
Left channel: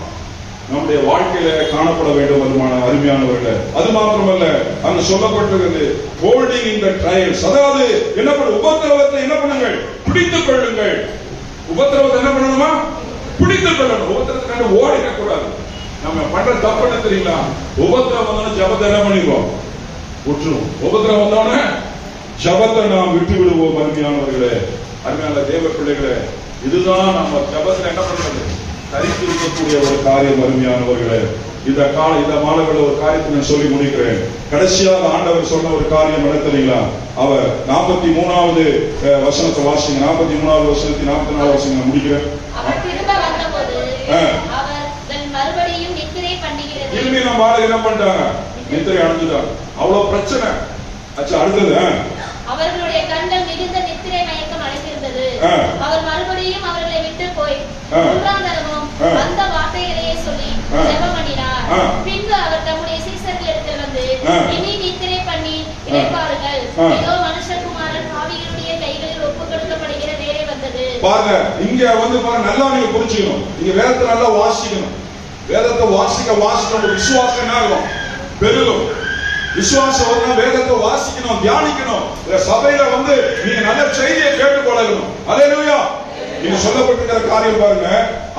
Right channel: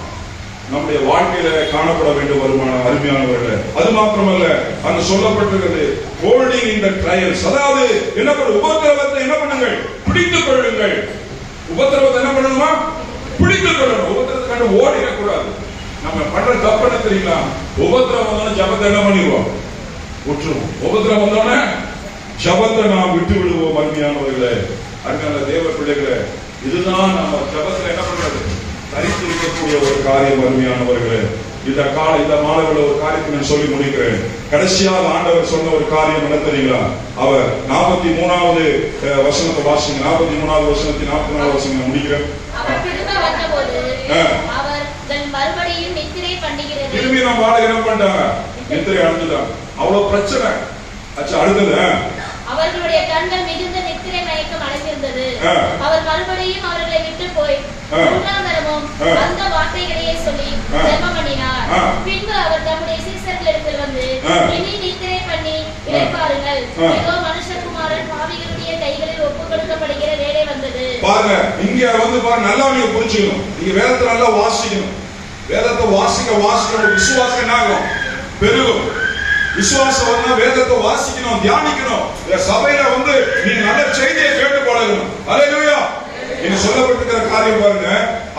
நம்முடைய வாழ்க்கையில காணப்பட வேண்டும். வருமான அருமையானவர்களே, அது மாத்திரமல்ல, அங்க சொல்லப்பட்டிருக்கிறது ஹோல்டிங் இன் தி ட்ரையல்ஸ். அதாவது என்ன பண்ண, உபத்திரவத்தை என்ன பண்ணுங்கள், பிடித்துக் கொள்ளுங்கள். உபத்திரவத்தை என்ன பண்ணணுமா, பிடித்துக் கொள்ளணும். உபத்திரத்தை கண்டு ஓடிடக்கூடாது. நம்ம பண்ற தப்பு என்ன தெரியுங்களா? உபத்திரம் வந்தோடனே ஜபத்தை என்ன பண்ணிடுவோம், விட்டுருவோம். உபத்திரம் வந்தோடனே ஜபத்தை நாம் விட்டு விடுவோம். அருமையானவர்களே, அருமையான தேவ பிள்ளைகளே, இதுதான் நம்ம ஜபத்தை என்ன பண்றது, தரித்திருக்கக்கூடிய ஒரு காரியம். அருமையானவர்களே, இந்த மாணவர்கள் ஒரு காரியத்தை நான் சொல்லி முடிக்கிறேன். கடைசியாக ஆண்டவர் சொன்ன ஒரு காரியம் என்ன தெரியுங்களா? அவர் 43வது வசனத்தை வாசிங்க. 43வது வசனத்தை 44வது வசனம் முடிக்கிறேன். அவர் திரும்ப வந்தபோது அவர்கள் மறுபடியும் நித்திரை பண்ணுகிறது. திரும்பி நம்ம ஆளு என்ன பண்ணிட்டாங்க, நித்திரை அடைஞ்சுட்டாங்க. அவ்வளவு பிரச்சனை. அச்சா, அடுத்தது அவர்களுடைய கண்கள் மிகுந்த நித்திரை மயக்கம் அடைந்திருந்தது. அவர் மறுபடியும் அவர்களை விட்டு போய் மூன்றாம் தரமும் அந்த வார்த்தைகளையே சொல்லி ஜெபம் பண்ணினார். பின்பு அவர் தம்முடைய சீசர்களிடத்தில் வந்து, இனி நித்திரை பண்ணி இளைப்பாருங்கள், இதோ மனுஷகுமாரன் பாவிகளுடைய கைகளில் ஒப்புக் கொடுக்கப்படுகிற வேலை வந்தது. பாருங்க, இங்க வந்து பாருங்க, நல்லா நீங்க புரிஞ்சுக்கணும். நீங்க வேதத்தை நல்லா வாசிக்கணும். வேதத்தை வாசிக்க விசுவாசம் என்ன ஆகும், பெருகும். விசுவாசம் வந்து வேதத்தை வாசிக்கணும், தியானிக்கணும். சபையில வந்து நீங்க நல்ல செய்தியை கேட்டு போடணும். அல்லேலூயா. நீங்க சொல்லப்பட்டிருக்கிற காரியம் பாருங்க.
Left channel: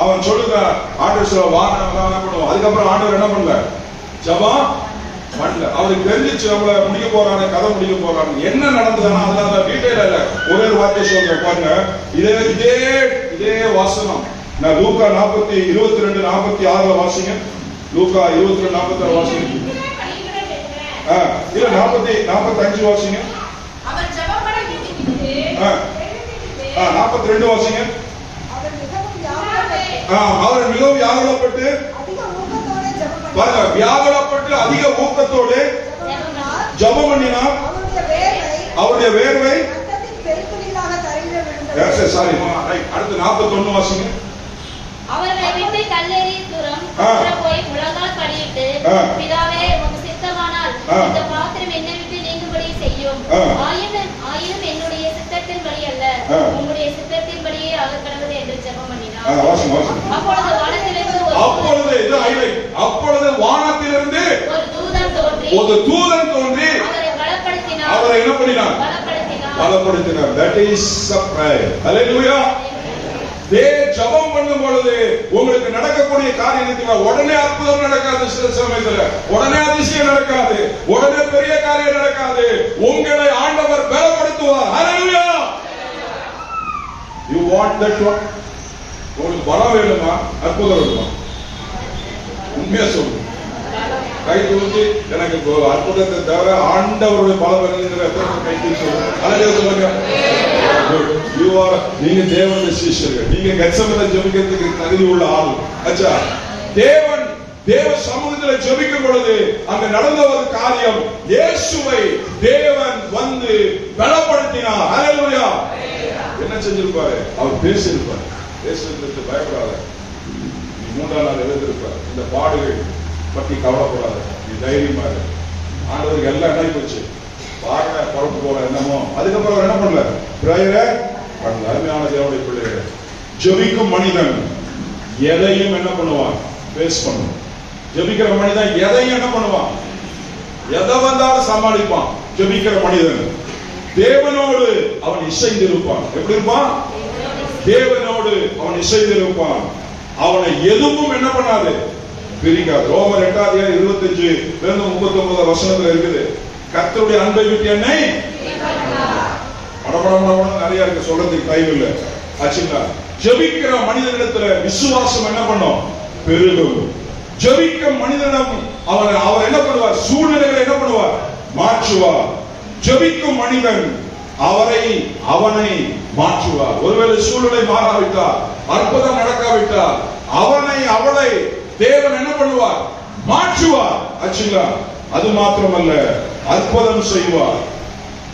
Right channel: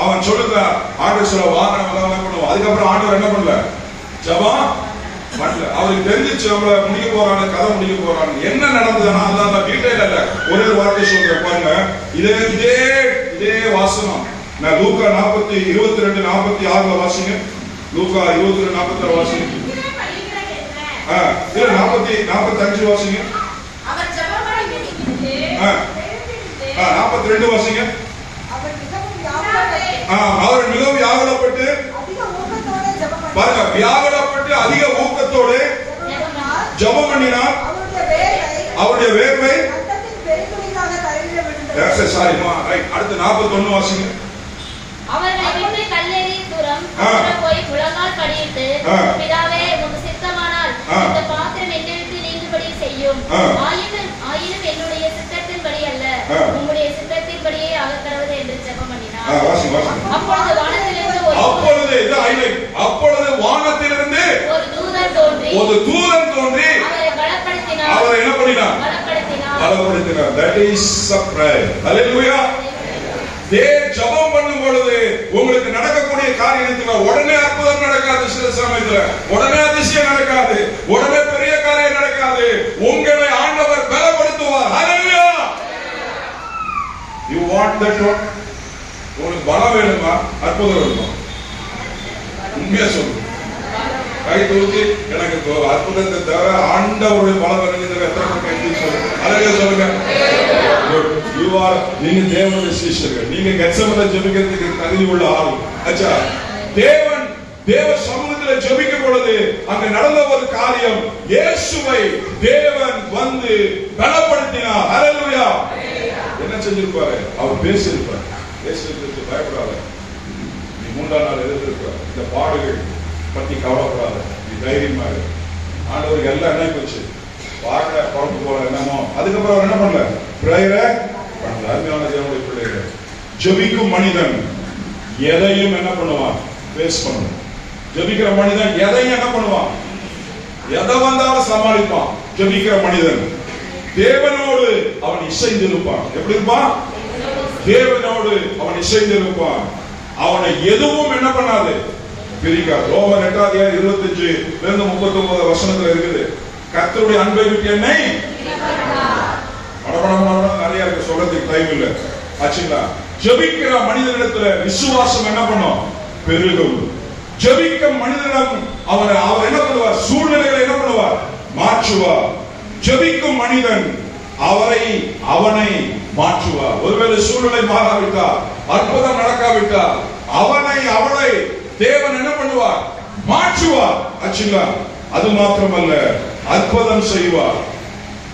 அவன் சொல்லுகிறான், ஆண்டவர் சொல்ல வாரம் என்ன பண்ணுவோம். அதுக்கப்புறம் ஆண்டவர் என்ன பண்ணல, ஜெபம் பண்ணல. அவருக்கு தெரிஞ்சிச்சு நம்மள முடிக்க போறாங்க, கதை முடிக்க போறாங்க. என்ன நடந்ததுன்னா அதான் டீடைல் இல்ல, ஒரே ஒரு வார்த்தை சொல்றேன் பாருங்க. இதே வாசனம் நான் லூக்கா 22:46 வாசிங்க. லூக்கா 22:46 வாசிங்க. இல்ல 45 வாசிங்க. அவர் ஜெபம் பண்ணி 42 வாசிங்க. அவர் மிகவும் வியாகுலப்பட்டு பாருங்க, வியாகுலப்பட்டு அதிக ஊக்கத்தோடு ஜெபம் பண்ணினார். அவருடைய வேர்வை அடுத்து 41 வாசிங்க. அவர்களை விட்டு கல்லெறி தூரம் போய் முழங்கால் படியிட்டு, பிதாவே உமக்கு சித்தமானால் இந்த பாத்திரம் என்னை விட்டு நீங்கும்படி செய்யும். ஆயினும் என்னுடைய சித்தத்தின்படி அல்ல, உம்முடைய சித்தத்தின்படியே ஆகக்கடவது என்று ஜெபம் பண்ணினார். அப்பொழுது வானத்திலிருந்து ஒரு தூதன் தோன்றி அவரை பலப்படுத்தினார். அவரை என்ன பண்ணினார், பலப்படுத்தினார். That is the prayer. Hallelujah. ஜெபம் பண்ணும் பொழுது உங்களுக்கு நடக்கக்கூடிய காரியத்துல உடனே அற்புதம் நடக்காது. சில சமயத்துல உடனே அதிசயம் நடக்காது, உடனே பெரிய காரியம் நடக்காது. உங்களை ஆண்டவர் பலப்படுத்துவார். ஹalleluya. You want that one? உங்களுக்கு பலம் வேணுமா, அற்புதம் வேணுமா? உண்மையா சொல்லுங்க. கை தூக்கி எனக்கு அற்புதத்தை தவிர ஆண்டவருடைய பலம் வேணும். எத்தனை கை தூக்கி சொல்லுங்க. ஹalleluya சொல்லுங்க. நீங்க தேவனுடைய சீஷர்கள். நீங்க கெத்செமனே ஜெபிக்கிறதுக்கு தகுதி உள்ள ஆள். அச்சா, தேவ சமூகத்தில் ஜெபிக்கும் பொழுது அங்க நடந்த ஒரு காரியம், இயேசுவை தேவன் வந்து பலப்படுத்தினார். ஹalleluya. என்ன செஞ்சிருப்பாரு, அவர் பேசியிருப்பார். பேசுறதுக்கு பயப்படாத, நீ 3ஆம் நாள் எழுந்திருப்பார். இந்த பாடுகள் பத்தி கவலைப்படாத, நீ தைரியமா இரு. ஆண்டவருக்கு எல்லாம் என்ன போச்சு பாருங்க, புறப்பு போல என்னமோ. அதுக்கப்புறம் என்ன பண்ணல, பிரேயரை பண்ணல. அருமையான தேவனுடைய பிள்ளைகளே, ஜெபிக்கும் மனிதன் எதையும் என்ன பண்ணுவான், ஃபேஸ் பண்ணுவான். ஜெபிக்கிற மனிதன் எதையும் என்ன பண்ணுவான், எதை வந்தாலும் சமாளிப்பான். ஜெபிக்கிற மனிதன் தேவனோடு அவன் இசைந்திருப்பான். எப்படி இருப்பான், தேவனோடு அவன் இசைந்திருப்பான். அவனை எதுவும் என்ன பண்ணாது, பிரிக்காது. ரோமர் 8:25-39 வசனத்துல இருக்குது, கர்த்தருடைய அன்பை விட்டு என்னை நிறைய இருக்கு, சொல்றதுக்கு டைம் இல்ல. ஆச்சுங்களா? ஜெபிக்கிற மனிதனிடத்துல விசுவாசம் என்ன பண்ணும், பெருகும். ஜெபிக்க மனிதனிடம் அவர் என்ன பண்ணுவார், சூழ்நிலைகளை என்ன பண்ணுவார், மாற்றுவார். ஜெபிக்கும் மனிதன் அவனை மாற்றுவார். ஒருவேளை சூழ்நிலை மாறாவிட்டால், அற்புதம் நடக்காவிட்டால், அவளை தேவன் என்ன பண்ணுவார், மாற்றுவார். ஆச்சுங்களா? அது மாத்திரமல்ல, அற்புதம் செய்வார்.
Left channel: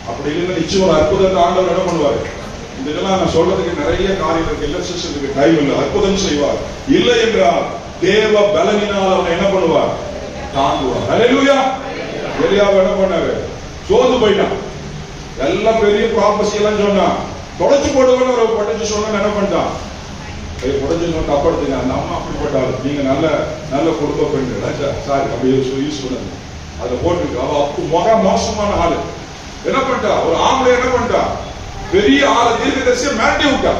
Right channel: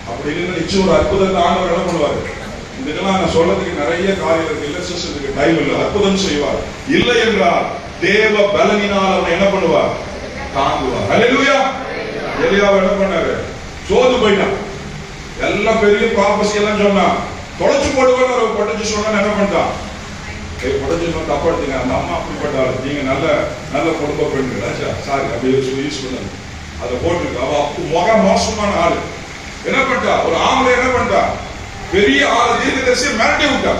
அப்படி இல்லைன்னா நிச்சயம் ஒரு அற்புதத்தை ஆண்டவர் என்ன பண்ணுவார். இதெல்லாம் நான் சொல்றதுக்கு நிறைய காரியம் இருக்கு, இல்லஸ்ட்ரேஷனுக்கு டைம் இல்லை. அற்புதம் செய்வார். இல்லை என்றால் தேவ பலனினால் அவனை என்ன பண்ணுவார், தாங்குவார். ஹல்லேலூயா. எலியாவை என்ன பண்ணாரு, சோர்ந்து போயிட்டான். எல்லாம் பெரிய ப்ராபசி எல்லாம் சொன்னான். தொலைச்சு போடுவான்னு ஒரு படிச்சு சொன்னா என்ன பண்ணிட்டான்? படிச்சு தப்பு எடுத்துங்க, அந்த அம்மா அப்படிப்பட்டாள், நீங்க நல்ல நல்ல குடும்ப பெண்கள் சாரி அப்படி யூஸ் பண்ணாங்க. அதை போட்டுருக்கு. அவ முக மோசமான ஆளு. என்ன பண்ணிட்டா? ஒரு ஆம்பளை என்ன பண்ணிட்டா? பெரிய ஆளு தீர்க்கதரிசியை மிரட்டி விட்டா.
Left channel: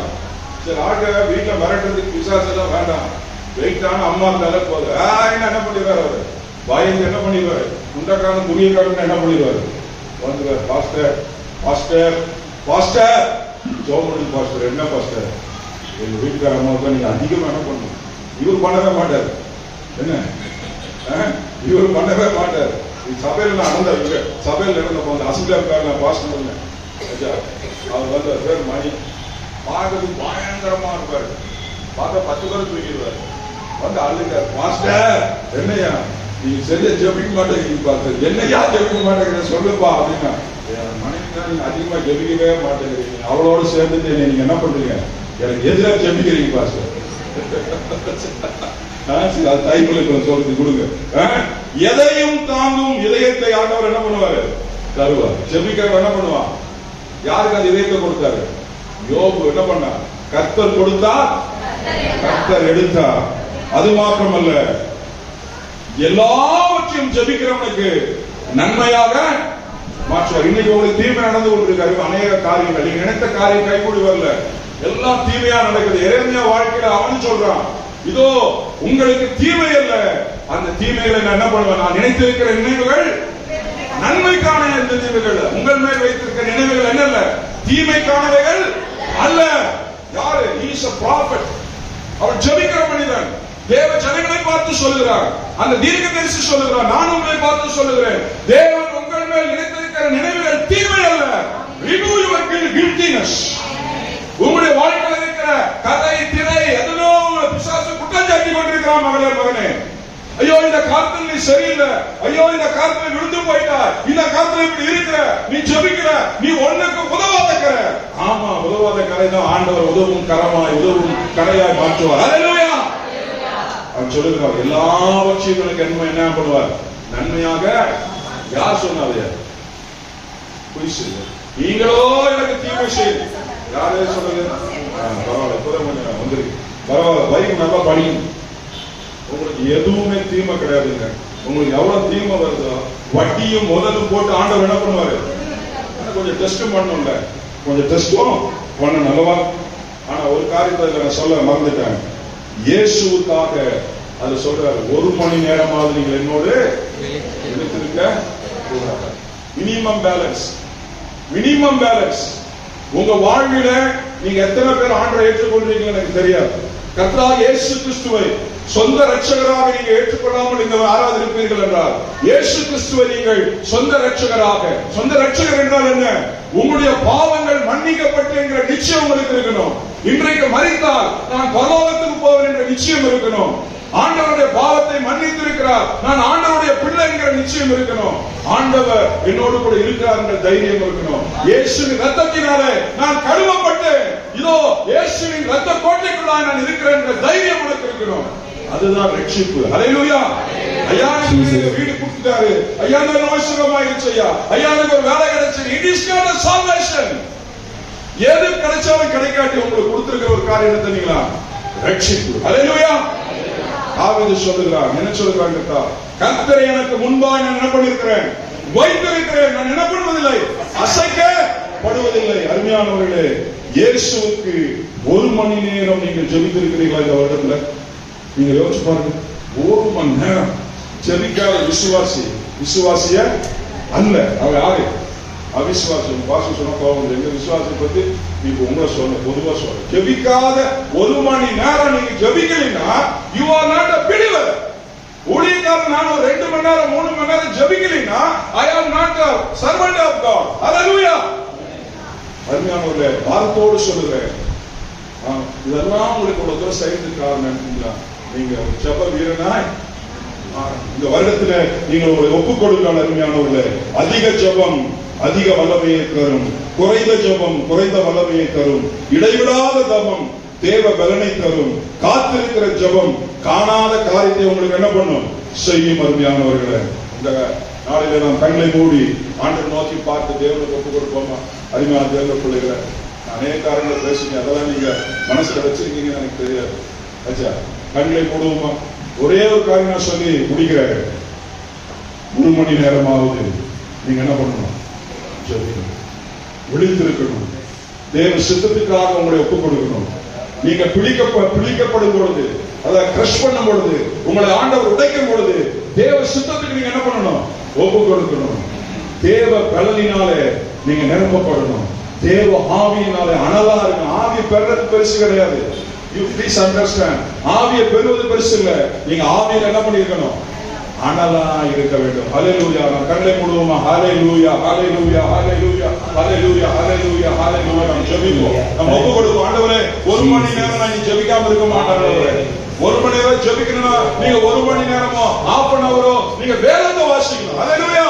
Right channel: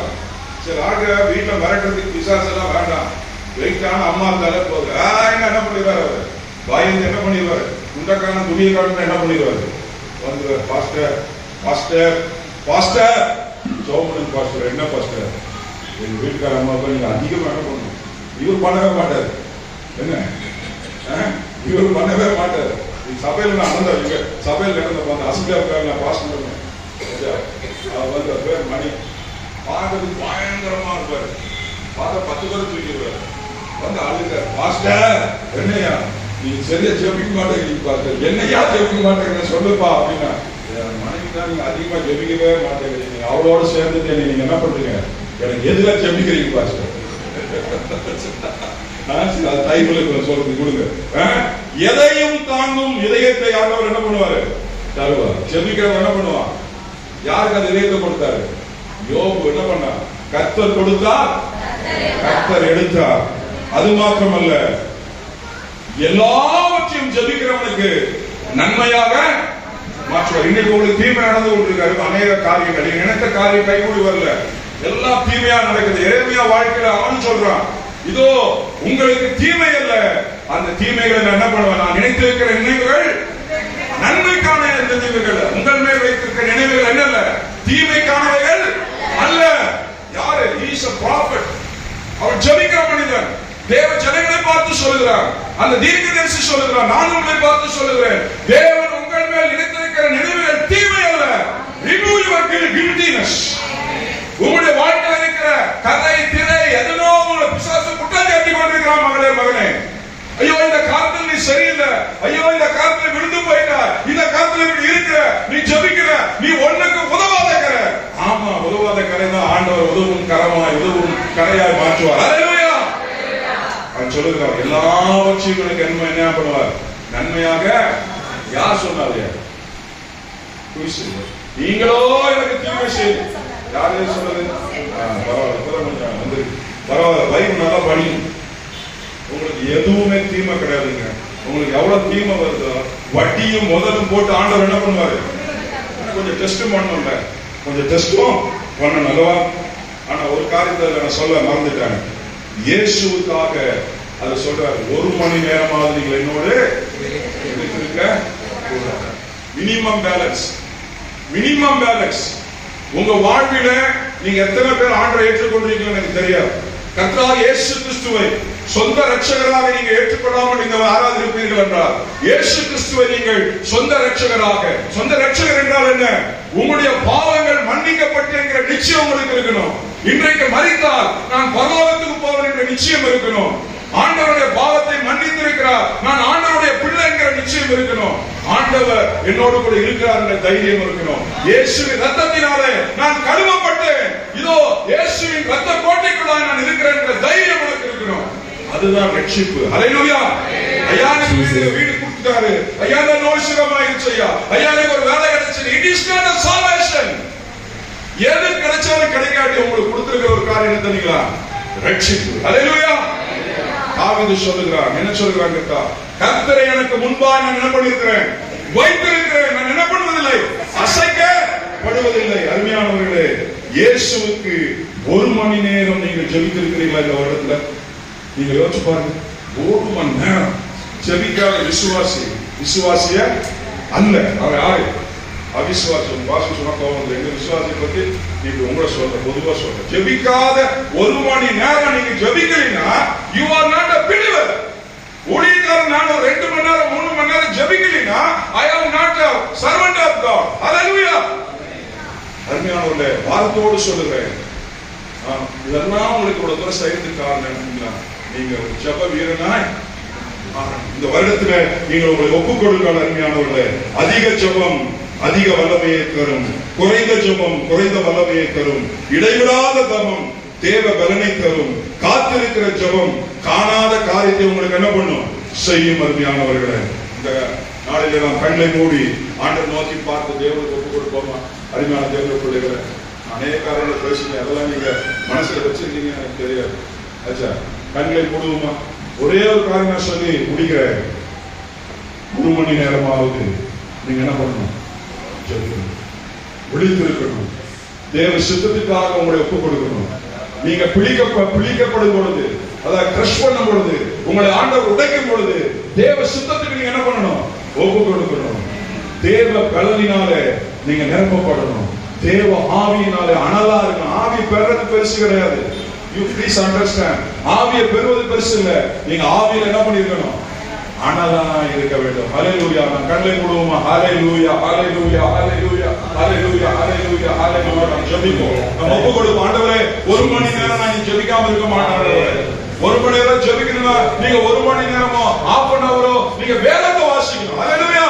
சரி ஆக வீட்டுல மிரட்டுறதுக்கு விசாரிச்சு எல்லாம் வேண்டாம், வெயிட்டான அம்மா இருந்தாலே போதும். என்ன பண்ணிடுவாரு அவரு? பயந்து என்ன பண்ணிடுவாரு? முண்டக்காரன் துணியக்காரன் என்ன பண்ணிடுவாரு? வந்துருவாரு, pastor pastor pastor Soman pastor. என்ன பாஸ்டர்? எங்க வீட்டுக்கார அம்மாவுக்கு நீங்க அதிகமா என்ன பண்ணணும்? இவர் பண்ணவே மாட்டாரு. என்ன இவர் பண்ணவே மாட்டாரு. சபையில நான் அனந்த இங்க சபையில நடந்த அந்த அசுதா இருக்காங்க பாஸ்டர், அவர் வந்து பேர் மணி. பார்க்கறதுக்கு பயங்கரமா இருப்பாரு. பார்க்க 10 பேர் தூக்கிடுவாரு. வந்து அழுங்க, பாஸ்டர் என்னையா நீங்க சரியா ஜெபிக்க மாட்டேங்கிறீங்க பாஸ்டர். என்னையா ஜெபிக்க மாட்டேங்கிறீங்க சொல்லுப்பா அப்படின்னா, மனைவிதான் நீங்க அதிகமா ஜெபிக்கவே மாட்டேங்கிறீங்க, அவளோட சேர்ந்து நீங்க என்ன பண்றீங்க? எனக்கு எதிராக ஜெபிக்கிறீங்க பாஸ்டர். சொல்றது கொடுங்க. எதையும் தாங்கும் இதயத்தை ஆண்டவர் என்ன பண்ணுவாரு? தருவார். ஜெபிக்கிறவர் என்ன பண்ணுவார்? யாருக்கு அந்த இதயத்தை கொடுத்தாரு? யோபு என்ன பண்ணார்? கர்த்தர் கொடுத்தார், கர்த்தர் எடுத்தார். அது மாத்திரமல்ல, எல்லாவற்றையும் ஜெபிக்கிறவனுக்கு நன்மையாக மாற்றுவார். இன்னைக்கு உங்களுக்கு தீமை நடந்து கொண்டிருக்காரு. அநேக காரியங்கள் நீங்க நினைத்த காரியம் கைகூடி வரல, எல்லாம் தீமையா நடக்குது. எரேமியா வாழ்க்கையில அவன் சொல்றான், இதோ உங்களுக்கு தீமை அல்ல, அந்த தீமைகளை என்ன பண்ணுவேன்? நான் நினைத்திருக்கிற நினைவுகள் நன்மைக்கான நினைவுகள், உங்கள் மேல் வைத்திருக்கிற நினைவுகள் என்னல்ல, தீமைக்கானவைகள் அல்ல. யாரு? Is a prophet. அவர் ஜெபிக்கிற மனிதன். தேவ ஜனங்களை பார்த்து சொல்லுகிறார், அந்த தீர்க்கதரிசி சொல்லுகிறார், நான் உங்களை பார்த்து சொல்லுகிறேன், தேவன் உங்கள் மேல் நினைத்திருக்கிற நினைவுகள் தீமை அல்ல. remove your guiltiness. உங்களுடைய வாழ்க்கையில் இருக்கிற கதை திரை எதனோ உங்களை பிசாசு குற்றம் சாட்டி கொண்டிருக்கிறான். மகளே மகனே, ஐயோ இந்த காலத்தில் நீ சரியில்லை, ஐயோ இந்த காலத்தில் விழுந்து போயிட்ட, இந்த காலத்தில் இப்படி இருக்கிற, நீ ஜெபிக்கிற, நீ ஒண்ணுக்கு உதவாதக்கிற. ஆமா, உதவாத கரை தான் ஆண்டவர் உதவும் கரமாய் உதவும் கரையாய் மாற்றுவார். அல்லேலூயா. அவர் சொல்லுகிறார், எல்லாவற்றையும் எனக்கு என்ன பண்ணுவார்? நன்மையாக. யார் சொன்னாரு? நீங்களோ எனக்கு தீமை செய்து. யாரே சொல்றது? பரவாயில்ல, வந்துருக்கு. பரவாயில்ல, பைபிள் நல்லா படியும். உங்களுக்கு எதுவுமே தீமை கிடையாதுங்க. உங்களுக்கு எவ்வளவு தீமை வருதோ வட்டியும் முதலும் போட்டு ஆண்டவர் என்ன பண்ணுவாரு? கொஞ்சம் டெஸ்ட் பண்ணணும்ல, கொஞ்சம் டெஸ்டும் பண்ணணும் அல்லவா? ஆனா ஒரு காரியத்தை நான் சொல்ல மறந்துட்டேன். இயேசுவுக்காக அது சொல்றாரு, 1 மணி நேரமாவது நீங்கள் என்னோடு இருக்க கூடாது. Minimum balance, minimum balance. உங்க வாழ்வில நீங்க எத்தனை பேர் ஆண்டவரை ஏற்றுக்கொண்டிருக்கீங்க எனக்கு தெரியாது. கர்த்தராகிய இயேசு கிறிஸ்துவை சொந்த ரட்சகராக நீங்க ஏற்றுக்கொள்ளாமல் நீங்க ஆராதிப்பீர்கள் என்றால், இயேசு கிறிஸ்துவை நீங்கள் சொந்த ரட்சகராக, சொந்த ரட்சகர் என்றால் என்ன? உங்களுடைய பாவங்கள் மன்னிக்கப்பட்டு என்கிற நிச்சயம் உங்களுக்கு இருக்கணும். இன்றைக்கு மரித்தால் நான் பரலோகத்துக்கு போவேன் என்ற நிச்சயம் இருக்கணும். ஆண்டவருடைய பாவத்தை மன்னித்திருக்கிறார், நான் ஆண்டவருடைய பிள்ளை என்கிற நிச்சயம் இருக்கணும். ஆண்டவர் என்னோடு கூட இருக்கிறார் என்ற தைரியம் இருக்கணும். இயேசுவின் ரத்தத்தினாலே நான் கழுவப்பட்டேன், இதோ இயேசுவின் ரத்த கோட்டைக்குள்ளாக நான் இருக்கிறேன் என்ற தைரியம் உனக்கு இருக்கணும். அதுதான் ரட்சிப்பு. அல்லேலூயா. ஐயா எனக்கு வீடு கொடுத்துட்டாரு, ஐயா நான் நோய் சுகமாயிருச்சு, ஐயா எனக்கு ஒரு வேலை கிடைச்சது. It is not a salvation. எது கிடைச்சாலும் கிடைக்காட்டி உங்களுக்கு கொடுத்திருக்கிற ஒரு காரியம் என்ன தெரியுங்களா? ரட்சிப்பு. அல்லேலூயா. தாவீது சொல்லுகிறான், என்ன சொல்லுகிறான் கேட்டா, கர்த்தரை எனக்கு முன்பாக நான் என்ன பண்ணிருக்கிறேன்? வைத்திருக்கிறேன். நான் என்ன பண்ணுவதில்லை, அசைக்கப்படுவதில்லை. அருமையானவர்களே, இயேசுவுக்கு 1 மணி நேரம் நீங்கள் ஜெபித்திருக்கிறீர்களா இந்த வருடத்துல? நீங்க யோசிச்சு பாருங்க. 1 மணி நேரம் ஜெபிக்காத விசுவாசி விசுவாசிய அல்ல. அவர் யாரு? அவிசுவாசி. பாச சொன்ன கோபம். எங்க விசுவாசியை பத்தி இப்ப உங்களை சொல்ல, பொதுவா சொல்ற. ஜெபிக்காத 1 மணி நேரம் நீங்க ஜெபிக்கலைன்னா you are not a believer. ஊழியக்காரன் நான் ஒரு 2 மணி நேரம் 3 மணி நேரம் ஜெபிக்கலைன்னா I am not a servant of God. Hallelujah. அருமையானவர்களே, வார்த்தையோடு சொல்லுகிறேன், இதெல்லாம் உங்களுக்கு இவ்வளவு தூரம் செய்யறதுக்கு காரணம் என்னங்களா? நீங்க ஜெப வீரனாய் இந்த வருடத்துல நீங்கள் உங்களை ஒப்புக் கொடுங்கள். அருமையானவர்களே, அதிக ஜெபம் அதிக வல்லமையை தரும், குறைந்த ஜெபம் குறைந்த வல்லமையை தரும், இடைவிடாத தபம் தேவ பலனை தரும், காத்திருக்கிற ஜெபம் காணாத காரியத்தை உங்களுக்கு என்ன பண்ணும்? செய்யும். அருமையானவர்களே, இந்த நாளிலே நாம் கண்களை மூடி ஆண்டவர் நோக்கி பார்த்து தேவனுக்கு ஒப்பு கொடுப்போமா? அருமையான தேவனுடைய பிள்ளைகளை அநேக காரியங்களை பேசுங்க, அதெல்லாம் நீங்க மனசுல வச்சிருக்கீங்க எனக்கு தெரியாது. ஆச்சா, கண்களை மூடுவோமா? ஒரே ஒரு காரியம் நான் சொல்லி முடிக்கிறேன். 3 மணி நேரமாவது நீங்க என்ன பண்ணணும்? ஜெபிக்கணும், விழித்திருக்கணும், தேவ சித்தத்துக்காக உங்களை ஒப்பு கொடுக்கணும். நீங்க பிடிக்கப்படும் பொழுது, அதை கிரஷ் பண்ணும் பொழுது, உங்களை ஆண்டவர் உடைக்கும் பொழுது, தேவ சித்தத்துக்கு நீங்க என்ன பண்ணணும்? ஒப்பு கொடுக்கணும். தேவ பலனினாலே நீங்க நிரப்பப்படணும். தேவ ஆவியினாலே அனலா இருக்கணும். ஆவி பெறது பெருசு கிடையாது. You please understand. ஆவியை பெறுவது பெருசு இல்ல. நீங்க ஆவியில என்ன பண்ணிருக்கணும்? அனலா இருக்க வேண்டும். ஹalleluya. நான் கண்களை மூடுவோமா? ஹalleluya, ஹalleluya, ஹalleluya, ஹalleluya, ஹalleluya, ஹalleluya. நாம் ஜெபிப்போம். நம்ம ஒப்பு கொடுப்போம். ஆண்டவரே, 1 மணி நேரம் நான் ஜெபிக்காம இருக்க மாட்டேன். ஆண்டவரே, 1 மணி நேரம் ஜெபிக்கணும்னா நீங்க 1 மணி நேரமோ half an hour நீங்க வேதத்தை வாசிக்கணும். ஹalleluya.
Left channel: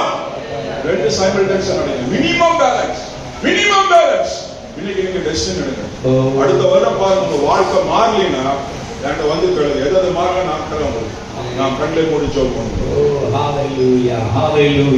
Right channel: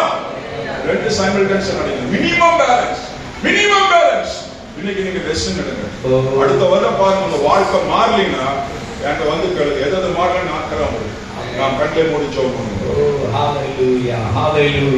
ரெண்டு சைமல்டேனியஸா நடக்கும். Minimum balance. இன்னைக்கு நீங்க ரெஸ்ட் எடுங்க. அடுத்த வருடம் பாருங்க, உங்க வாழ்க்கை மாறலினா என்கிட்ட வந்து கேளுங்க. எதாவது மாறல நான் கண்களை மூடி ஜெபம் பண்ணுவோம். ஹalleluya, ஹalleluya.